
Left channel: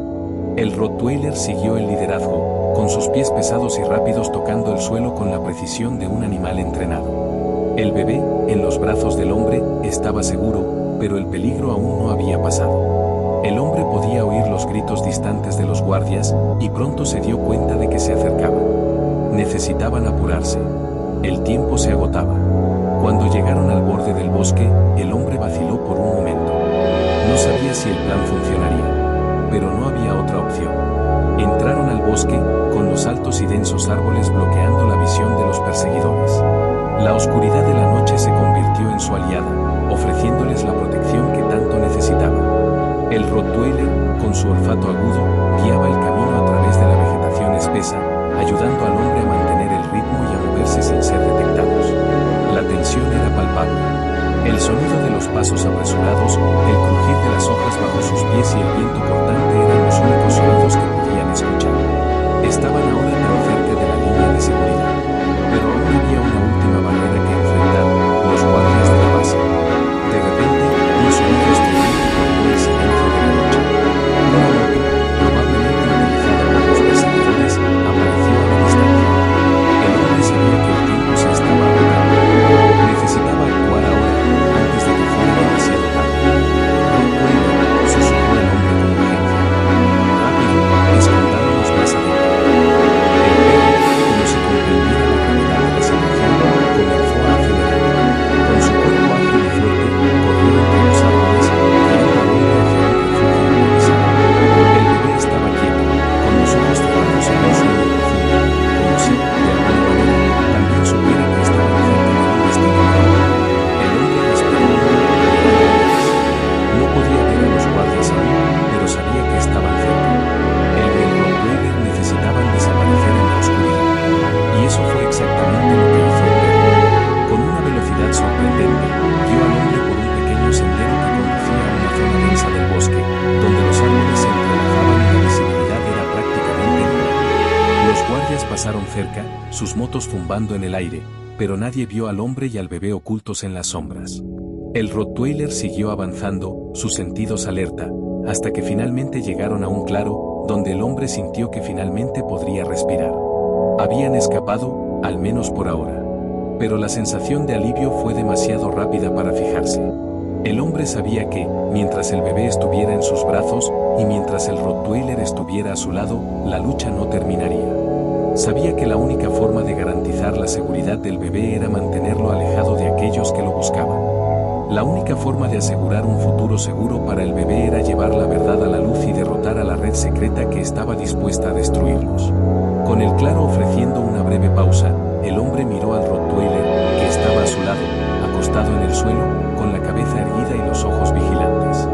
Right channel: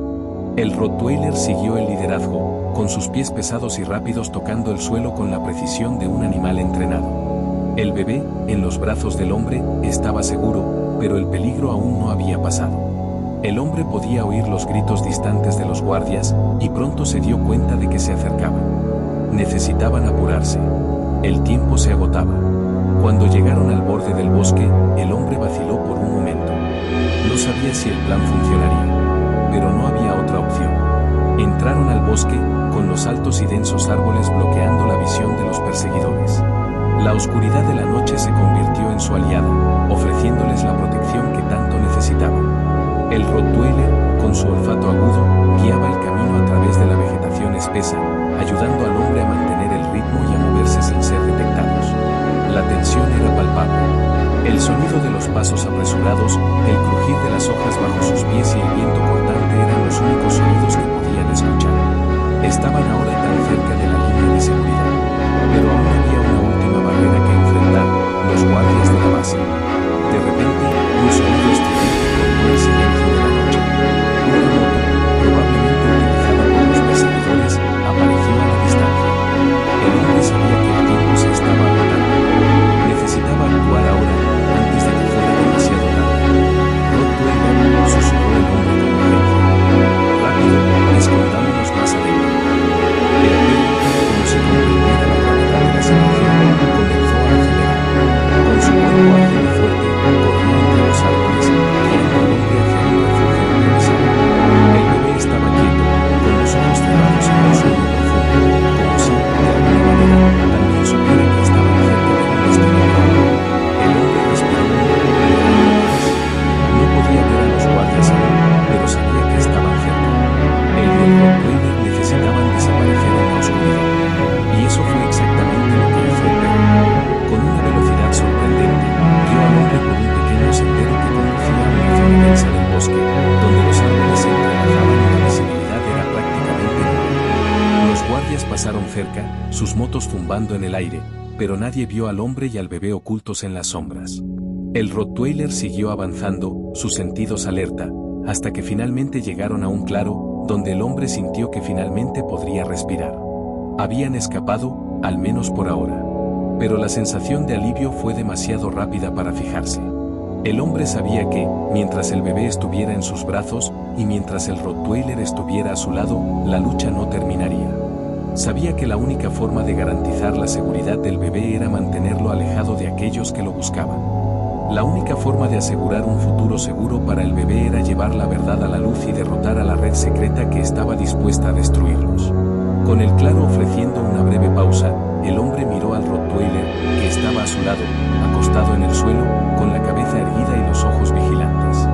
El Rottweiler siguió el liderazgo, con sus pies pesados y rápidos tocando el suelo con la precisión de un animal entrenado. El bebé, en los brazos del hombre, estaba seguro, pero el peligro aún no había pasado. El hombre podía oír los gritos distantes de los guardias, y pronto se dio cuenta de que se acercaban. Necesitaban apurarse. El tiempo se agotaba. Cuando llegaron al borde del bosque, el hombre vaciló por un momento. No sabía si el plan funcionaría, pero no había otra opción. Entraron al bosque, con los altos y densos árboles bloqueando la visión de los perseguidores. La oscuridad de la noche se convirtió en su aliada, ofreciéndoles la protección que tanto necesitaban. El Rottweiler, con su olfato agudo, guiaba el camino a través de la vegetación espesa, ayudando al hombre a mantener el ritmo y a moverse sin ser detectados. La tensión era palpable. El sonido de los pasos apresurados, el crujir de las hojas bajo sus pies y el viento cortante eran los únicos sonidos que podían escuchar. Estaban ahora tan cerca de la línea de seguridad. Pero aún había una última barrera que enfrentar, los guardias de la base. De repente, un sonido estridente cortó el silencio de la noche. Una moto, probablemente utilizada por los perseguidores, apareció a la distancia. El hombre sabía que el tiempo se estaba agotando. Necesitaba actuar ahora, antes de que fuera demasiado tarde. Rottweiler, susurró el hombre con urgencia. Rápido, escondámonos más adentro. El perro, como si comprendiera la gravedad de la situación, comenzó a acelerar. Con su cuerpo ágil y fuerte, corrió entre los árboles, guiando al hombre hacia un refugio improvisado. El bebé estaba quieto, con los ojos cerrados en un sueño profundo, como si, de alguna manera, también supiera que estaban cerca de un destino mejor. El hombre respiró hondo, mirando atrás. No podía ver a los guardias aún, pero sabía que estaban cerca. Él y el Rottweiler necesitaban desaparecer en la oscuridad. Y eso fue exactamente lo que hizo el perro. Con una velocidad sorprendente, guió al hombre por un pequeño sendero que conducía a una zona densa del bosque, donde los árboles se entrelazaban y la visibilidad era prácticamente nula. Los guardias pasaron cerca, sus motos zumbando en el aire, pero nadie vio al hombre y al bebé ocultos en las sombras. El Rottweiler siguió avanzando, sus sentidos alerta, hasta que finalmente llegaron a un claro, donde el hombre sintió que finalmente podría respirar. Habían escapado, al menos por ahora. Pero la sensación de alivio fue demasiado rápida para fijarse. El hombre sabía que, mientras el bebé estuviera en sus brazos, y mientras el Rottweiler estuviera a su lado, la lucha no terminaría. Sabía que la única forma de garantizar la seguridad del bebé era mantenerlo alejado de aquellos que lo buscaban. La única forma de asegurar un futuro seguro para el bebé era llevar la verdad a la luz y derrotar a la red secreta que estaba dispuesta a destruirlos. Con el claro ofreciendo una breve pausa, el hombre miró al Rottweiler, que estaba a su lado, acostado en el suelo, con la cabeza erguida y los ojos vigilantes.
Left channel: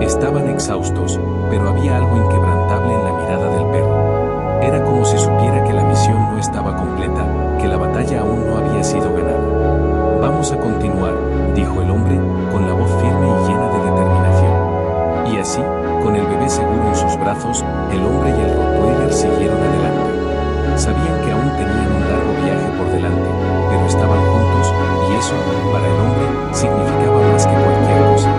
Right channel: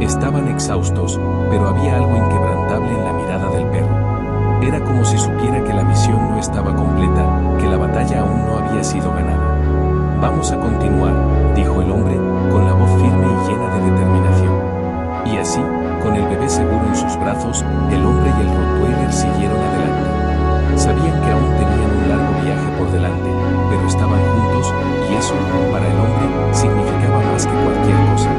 Estaban exhaustos, pero había algo inquebrantable en la mirada del perro. Era como si supiera que la misión no estaba completa, que la batalla aún no había sido ganada. «Vamos a continuar», dijo el hombre, con la voz firme y llena de determinación. Y así, con el bebé seguro en sus brazos, el hombre y el Rottweiler siguieron adelante. Sabían que aún tenían un largo viaje por delante, pero estaban juntos, y eso, para el hombre, significaba más que cualquier cosa.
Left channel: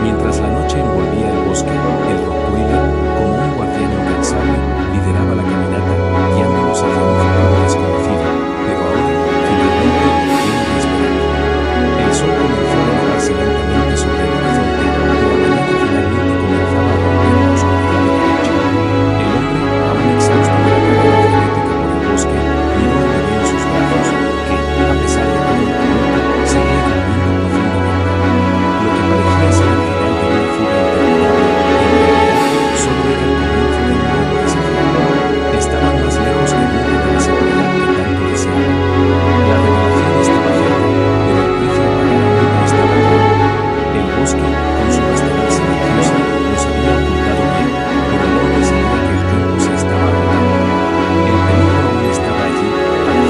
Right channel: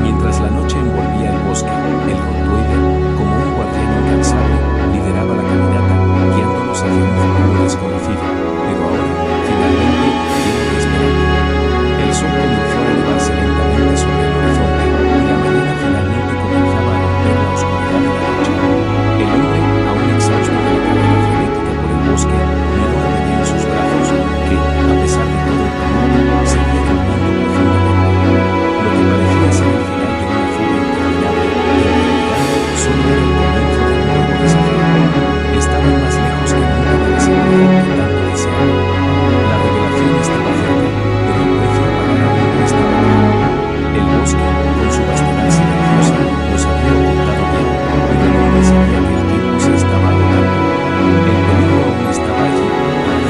Mientras la noche envolvía el bosque, el Rottweiler, como un guardián incansable, lideraba la caminata, guiándolos hacia un futuro desconocido, pero ahora, finalmente, lleno de esperanza. El sol comenzó a elevarse lentamente sobre el horizonte, y la mañana finalmente comenzaba a romper la oscuridad de la noche. El hombre, aún exhausto de la carrera frenética por el bosque, miró al bebé en sus brazos, que, a pesar de todo el tumulto, seguía durmiendo profundamente. Lo que parecía ser el final de una fuga interminable, en realidad, solo era el comienzo de un nuevo desafío. Estaban más lejos que nunca de la seguridad que tanto deseaban. La revelación estaba cerca, pero el precio a pagar aún no estaba claro. El bosque, con su vastedad silenciosa, los había ocultado bien, pero el hombre sabía que el tiempo se estaba agotando. El peligro aún estaba allí, a la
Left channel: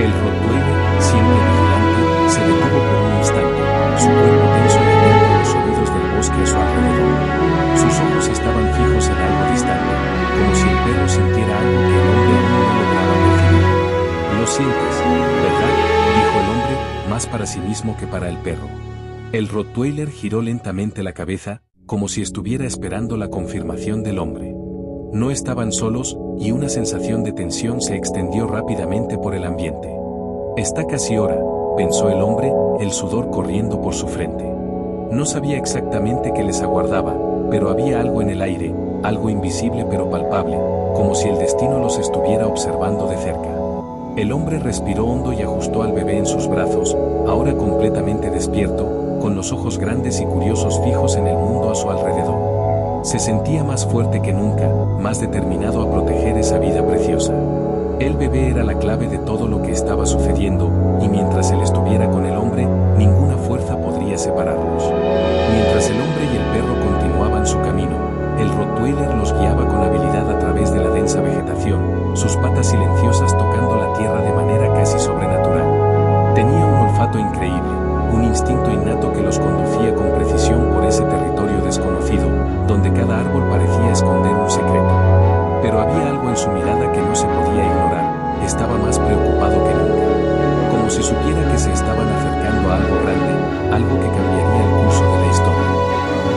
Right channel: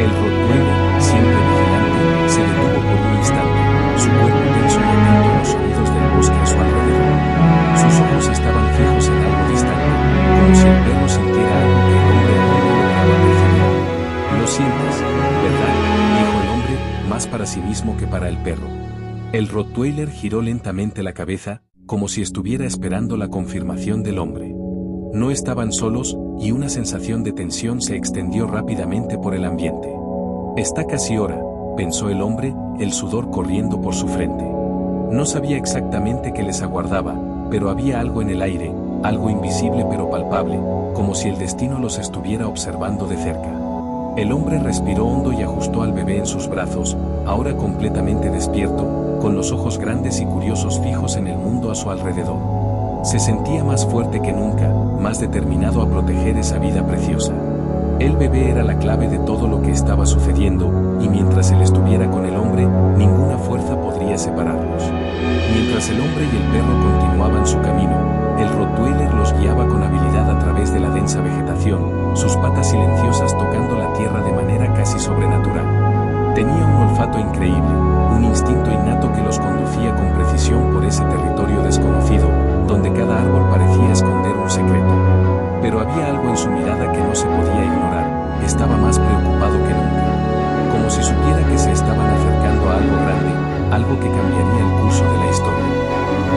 El Rottweiler, siempre vigilante, se detuvo por un instante, su cuerpo tenso y atento a los sonidos del bosque a su alrededor. Sus ojos estaban fijos en algo distante, como si el perro sintiera algo que el hombre aún no lograba percibir. «Lo sientes, ¿verdad?», dijo el hombre, más para sí mismo que para el perro. El Rottweiler giró lentamente la cabeza, como si estuviera esperando la confirmación del hombre. No estaban solos, y una sensación de tensión se extendió rápidamente por el ambiente. «Está casi hora», pensó el hombre, el sudor corriendo por su frente. No sabía exactamente qué les aguardaba, pero había algo en el aire, algo invisible pero palpable, como si el destino los estuviera observando de cerca. El hombre respiró hondo y ajustó al bebé en sus brazos, ahora completamente despierto, con los ojos grandes y curiosos fijos en el mundo a su alrededor. Se sentía más fuerte que nunca, más determinado a proteger esa vida preciosa. El bebé era la clave de todo lo que estaba sucediendo, y mientras él estuviera con el hombre, ninguna fuerza podría separarlos. Mientras el hombre y el perro continuaban su camino, el Rottweiler los guiaba con habilidad a través de la densa vegetación, sus patas silenciosas tocando la tierra de manera casi sobrenatural. Tenía un olfato increíble, un instinto innato que los conducía con precisión por ese territorio desconocido, donde cada árbol parecía esconder un secreto. Pero había algo en su mirada que no se podía ignorar, estaba más preocupado que nunca. Como si supiera que se estaban acercando a algo grande, algo que cambiaría el curso de la historia.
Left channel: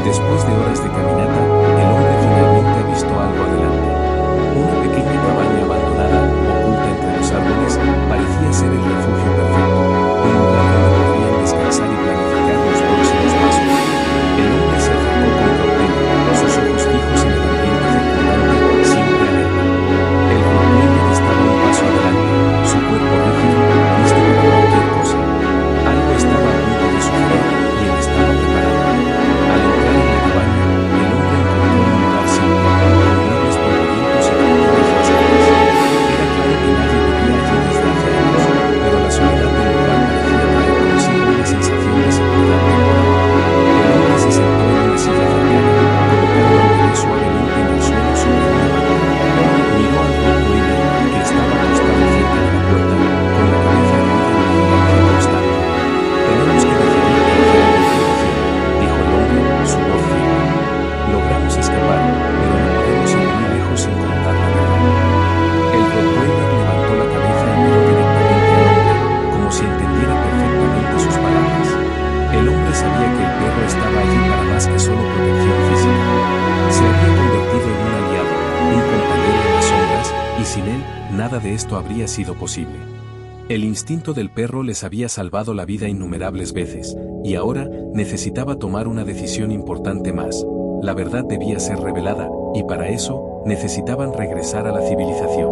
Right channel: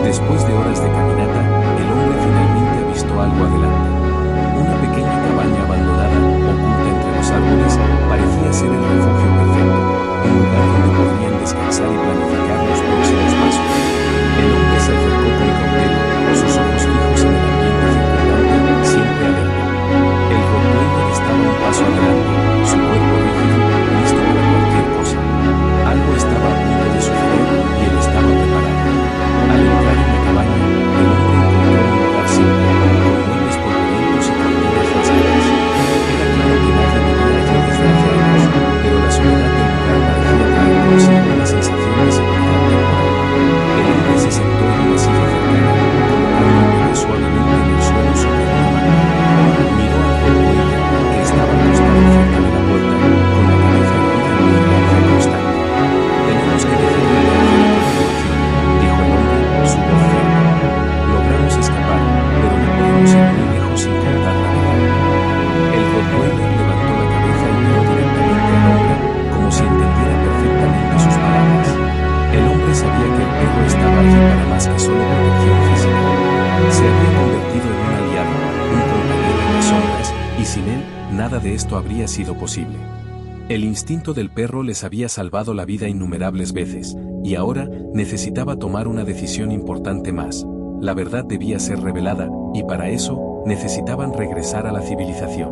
Después de horas de caminata, el hombre finalmente avistó algo adelante. Una pequeña cabaña abandonada, oculta entre los árboles, parecía ser el refugio perfecto, un lugar donde podrían descansar y planificar los próximos pasos. El hombre se acercó con cautela, sus ojos fijos en el ambiente circundante, siempre alerta. El Rottweiler estaba un paso adelante, su cuerpo rígido, listo para cualquier cosa. Algo estaba a punto de suceder, y él estaba preparado. Al entrar en la cabaña, el hombre encontró un lugar simple, con muebles polvorientos y cortinas rasgadas. Era claro que nadie vivía allí desde hace años, pero la soledad del lugar parecía traer consigo una sensación de seguridad temporal. El hombre se sentó en una silla cercana, colocando al bebé suavemente en el suelo sobre una mano. Miró al Rottweiler, que estaba acostado cerca de la puerta, con la cabeza erguida en vigilancia constante. «Tenemos que decidir qué hacer a continuación», dijo el hombre, su voz firme. «Logramos escapar, pero no podemos ir muy lejos sin contar la verdad». El Rottweiler levantó la cabeza y miró directamente al hombre, como si entendiera perfectamente sus palabras. El hombre sabía que el perro estaba allí para más que solo protección física. Se había convertido en un aliado, un compañero en las sombras, y sin él, nada de esto habría sido posible. El instinto del perro les había salvado la vida innumerables veces, y ahora necesitaba tomar una decisión importante más. La verdad debía ser revelada, y para eso, necesitaban regresar a la civilización.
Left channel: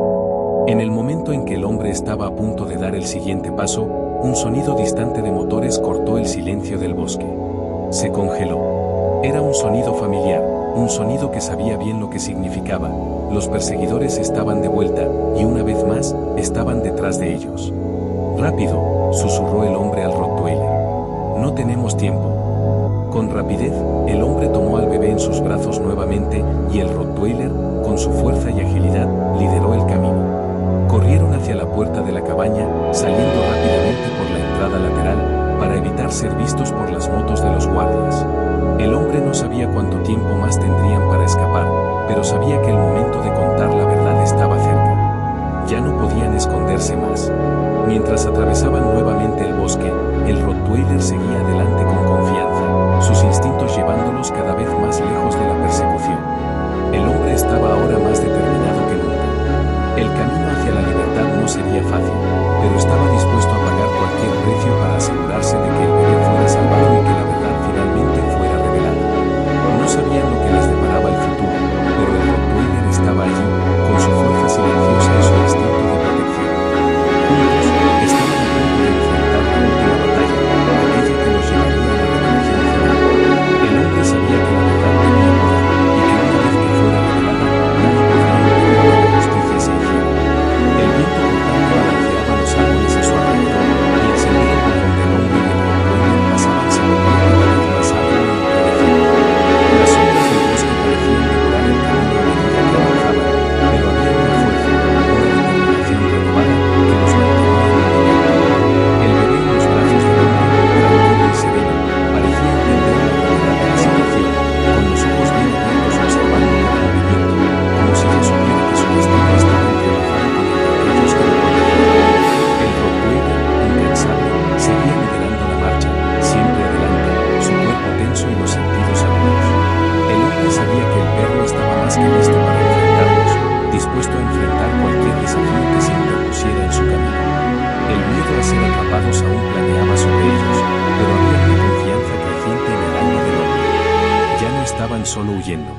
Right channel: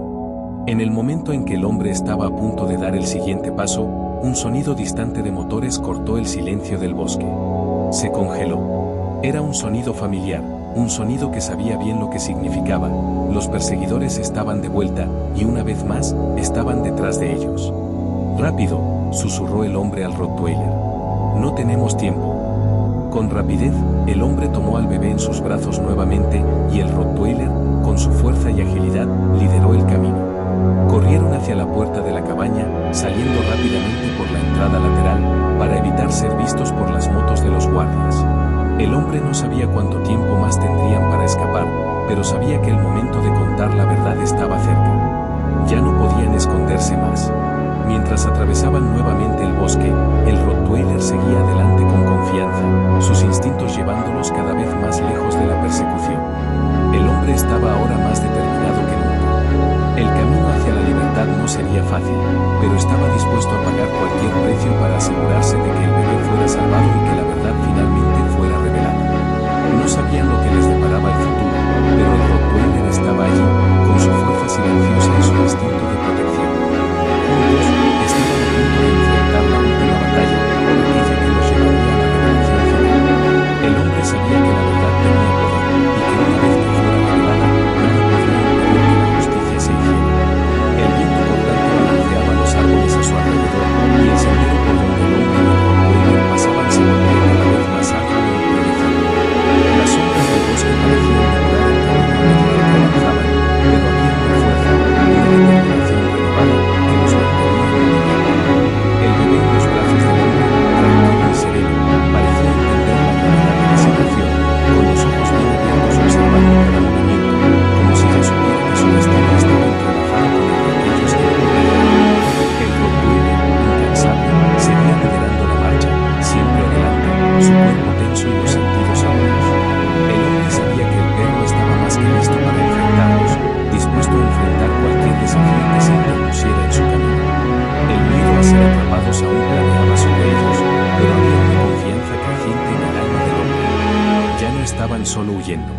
En el momento en que el hombre estaba a punto de dar el siguiente paso, un sonido distante de motores cortó el silencio del bosque. Se congeló. Era un sonido familiar, un sonido que sabía bien lo que significaba. Los perseguidores estaban de vuelta, y una vez más, estaban detrás de ellos. «Rápido», susurró el hombre al Rottweiler. «No tenemos tiempo». Con rapidez, el hombre tomó al bebé en sus brazos nuevamente, y el Rottweiler, con su fuerza y agilidad, lideró el camino. Corrieron hacia la puerta de la cabaña, saliendo rápidamente por la entrada lateral, para evitar ser vistos por las motos de los guardias. El hombre no sabía cuánto tiempo más tendrían para escapar, pero sabía que el momento de contar la verdad estaba cerca. Ya no podían esconderse más. Mientras atravesaban nuevamente el bosque, el Rottweiler seguía adelante con confianza, sus instintos llevándolos cada vez más lejos de la persecución. El hombre estaba ahora más determinado que nunca. El camino hacia la libertad no sería fácil, pero estaba dispuesto a pagar cualquier precio para asegurarse de que el bebé fuera salvado y que la verdad finalmente fuera revelada. No sabían lo que les deparaba el futuro, pero el Rottweiler estaba allí, con su fuerza silenciosa y su instinto de protección. Juntos, estaban a punto de enfrentar la última batalla, aquella que los llevaría a la revelación final. El hombre sabía que la verdad tenía poder, y que una vez que fuera revelada, nada podría impedir que la justicia se hiciera. El viento cortante balanceaba los árboles a su alrededor, y el sendero por donde el hombre y el Rottweiler pasaban se volvía cada vez más arduo e impredecible. Las sombras del bosque parecían devorar el camino a medida que avanzaban, pero había una fuerza, una determinación desafío que se interpusiera en su camino. El miedo a ser atrapados aún planeaba sobre ellos, pero había una confianza creciente en el alma del hombre. Ya no estaban solo huyendo.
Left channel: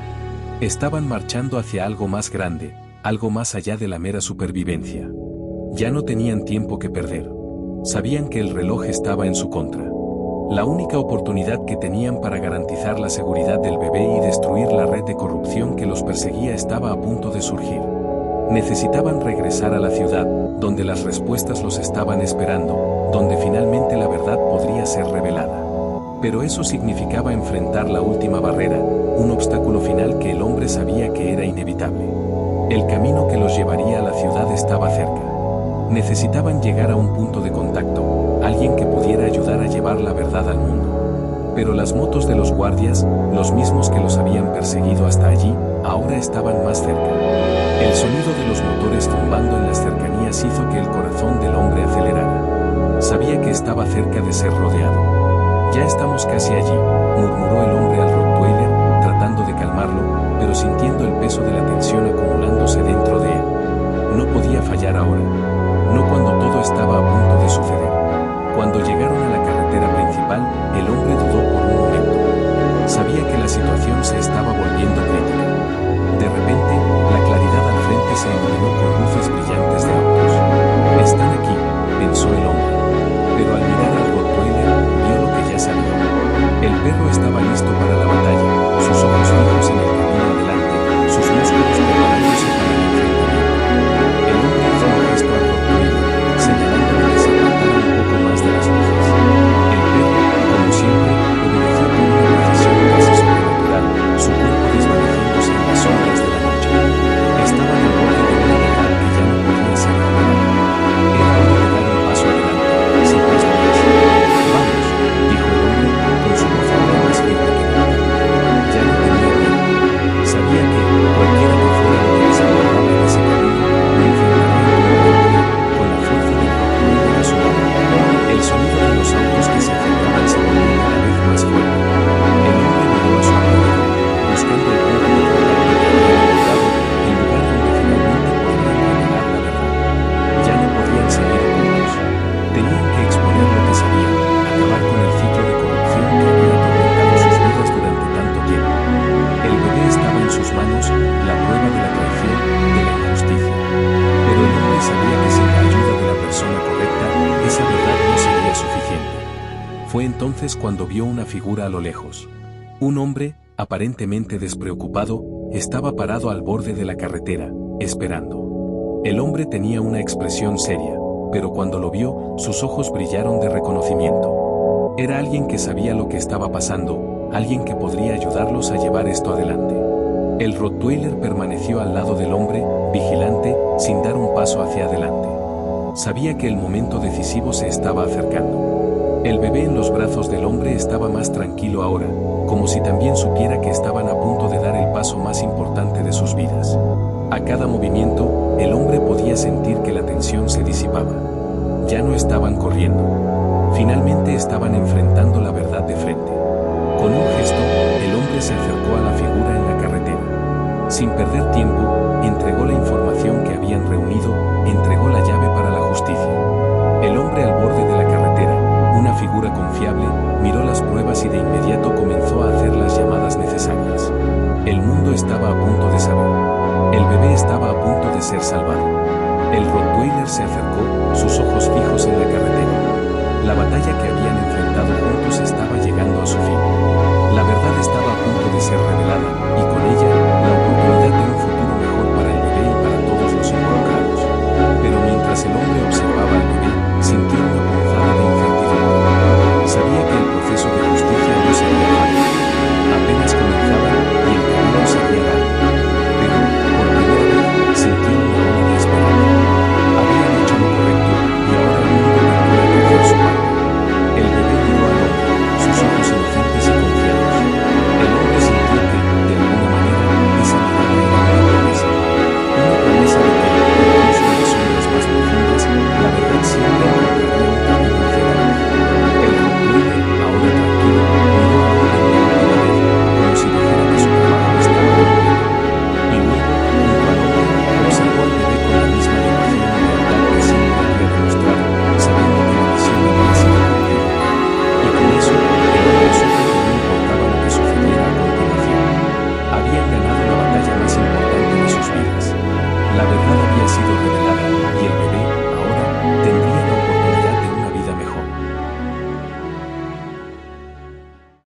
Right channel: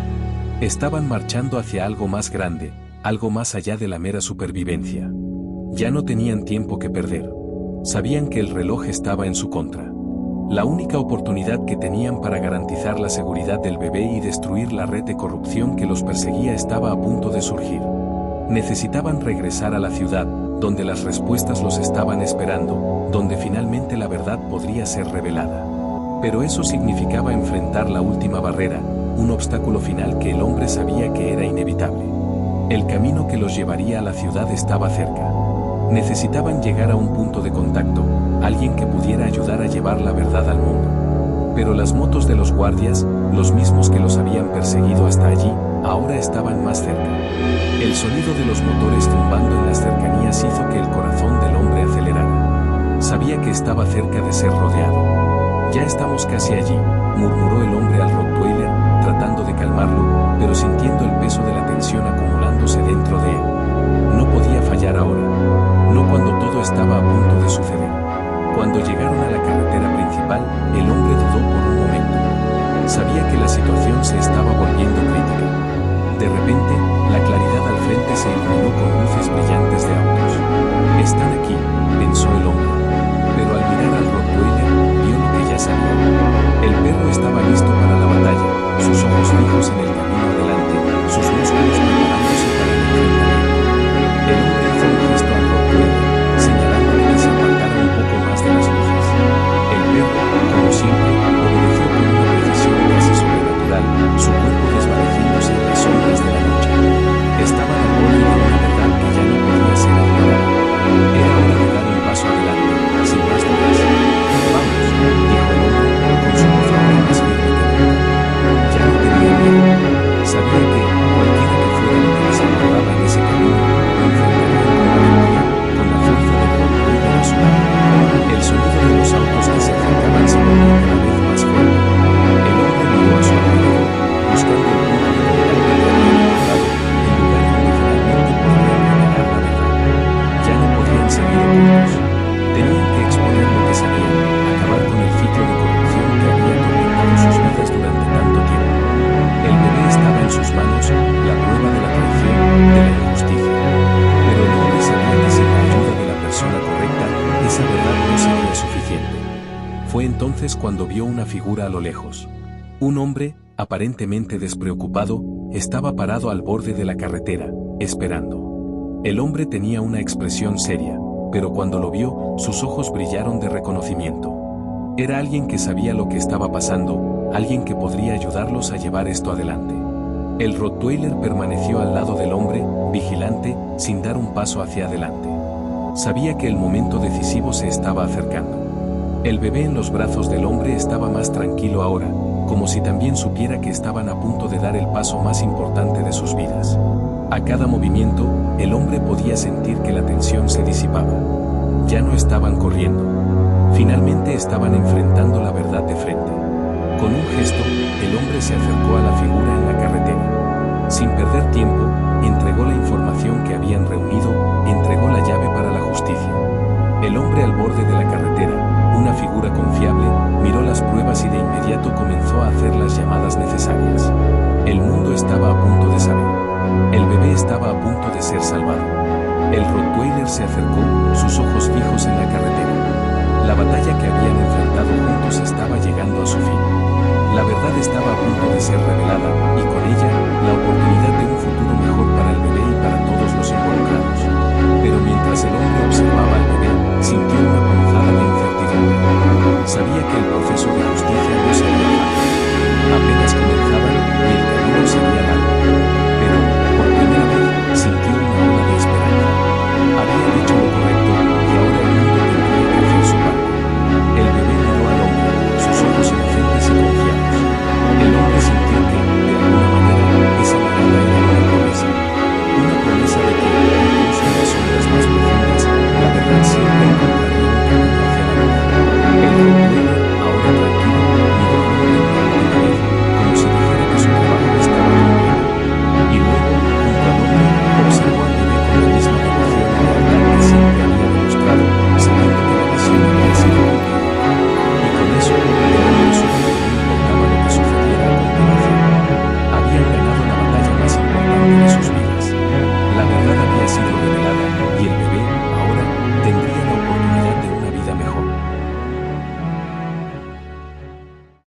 Estaban marchando hacia algo más grande, algo más allá de la mera supervivencia. Ya no tenían tiempo que perder. Sabían que el reloj estaba en su contra. La única oportunidad que tenían para garantizar la seguridad del bebé y destruir la red de corrupción que los perseguía estaba a punto de surgir. Necesitaban regresar a la ciudad, donde las respuestas los estaban esperando, donde finalmente la verdad podría ser revelada. Pero eso significaba enfrentar la última barrera, un obstáculo final que el hombre sabía que era inevitable. El camino que los llevaría a la ciudad estaba cerca. Necesitaban llegar a un punto de contacto, alguien que pudiera ayudar a llevar la verdad al mundo. Pero las motos de los guardias, los mismos que los habían perseguido hasta allí, ahora estaban más cerca. El sonido de los motores zumbando en las cercanías hizo que el corazón del hombre acelerara. Sabía que estaba cerca de ser rodeado. Ya estamos casi allí, murmuró el hombre al Rottweiler, tratando de calmarlo, pero sintiendo el peso de la tensión acumulándose dentro de él. No podía fallar ahora. No cuando todo estaba a punto de suceder. Cuando llegaron a la carretera principal, el hombre dudó por un momento. Sabía que la situación se estaba volviendo crítica. De repente, la claridad al frente se iluminó con luces brillantes de autos. Están aquí, pensó el hombre. Pero al mirar al Rottweiler, vio lo que ya sabía. El perro estaba listo para la batalla, sus ojos fijos en el camino adelante, sus músculos preparándose para el enfrentamiento. El hombre hizo un gesto al Rottweiler, señalándole que se apartara un poco más de las luces. El perro, como siempre, obedeció con una precisión casi sobrenatural, su cuerpo desvaneciéndose en las sombras de la noche. Estaban al borde de una verdad que ya no podía ser ignorada. Era hora de dar un paso adelante, sin más dudas. Vamos, dijo el hombre, con su voz ahora más firme que nunca. Ya no tenía miedo. Sabía que, cualquiera que fuera lo que les aguardaba en ese camino, lo enfrentarían con valentía, con la fuerza del Rottweiler a su lado. El sonido de los autos que se acercaban se volvió cada vez más fuerte. El hombre miró a su alrededor, buscando el punto de contacto que había recordado, el lugar donde finalmente podrían revelar la verdad. Ya no podían seguir ocultos. Tenían que exponer lo que sabían, acabar con el ciclo de corrupción que había atormentado sus vidas durante tanto tiempo. El bebé estaba en sus manos, la prueba de la traición, de la injusticia. Pero el hombre sabía que sin la ayuda de la persona correcta, esa verdad no sería suficiente. Fue entonces cuando vio una figura a lo lejos. Un hombre, aparentemente despreocupado, estaba parado al borde de la carretera, esperando. El hombre tenía una expresión seria, pero cuando lo vio, sus ojos brillaron de reconocimiento. Era alguien que sabía lo que estaba pasando, alguien que podría ayudarlos a llevar esto adelante. El Rottweiler permaneció al lado del hombre, vigilante, sin dar un paso hacia adelante. Sabía que el momento decisivo se estaba acercando. El bebé en los brazos del hombre estaba más tranquilo ahora, como si también supiera que estaban a punto de dar el paso más importante de sus vidas. A cada movimiento, el hombre podía sentir que la tensión se disipaba. Ya no estaban corriendo. Finalmente estaban enfrentando la verdad de frente. Con un gesto, el hombre se acercó a la figura en la carretera. Sin perder tiempo, entregó la información que habían reunido, entregó la llave para la justicia. El hombre al borde de la carretera, una figura confiable, miró las pruebas y de inmediato comenzó a hacer las llamadas necesarias. El mundo estaba a punto de saber. El bebé estaba a punto de ser salvado. El Rottweiler se acercó, sus ojos fijos en la carretera. La batalla que habían enfrentado juntos estaba llegando a su fin. La verdad estaba a punto de ser revelada, y con ella, la oportunidad de un futuro mejor para el bebé y para todos los involucrados. Pero mientras el hombre observaba al bebé, sintió una punzada de incertidumbre. Sabía que el proceso de justicia no sería fácil. Apenas comenzaba, y el camino sería largo. Pero, por primera vez, sintió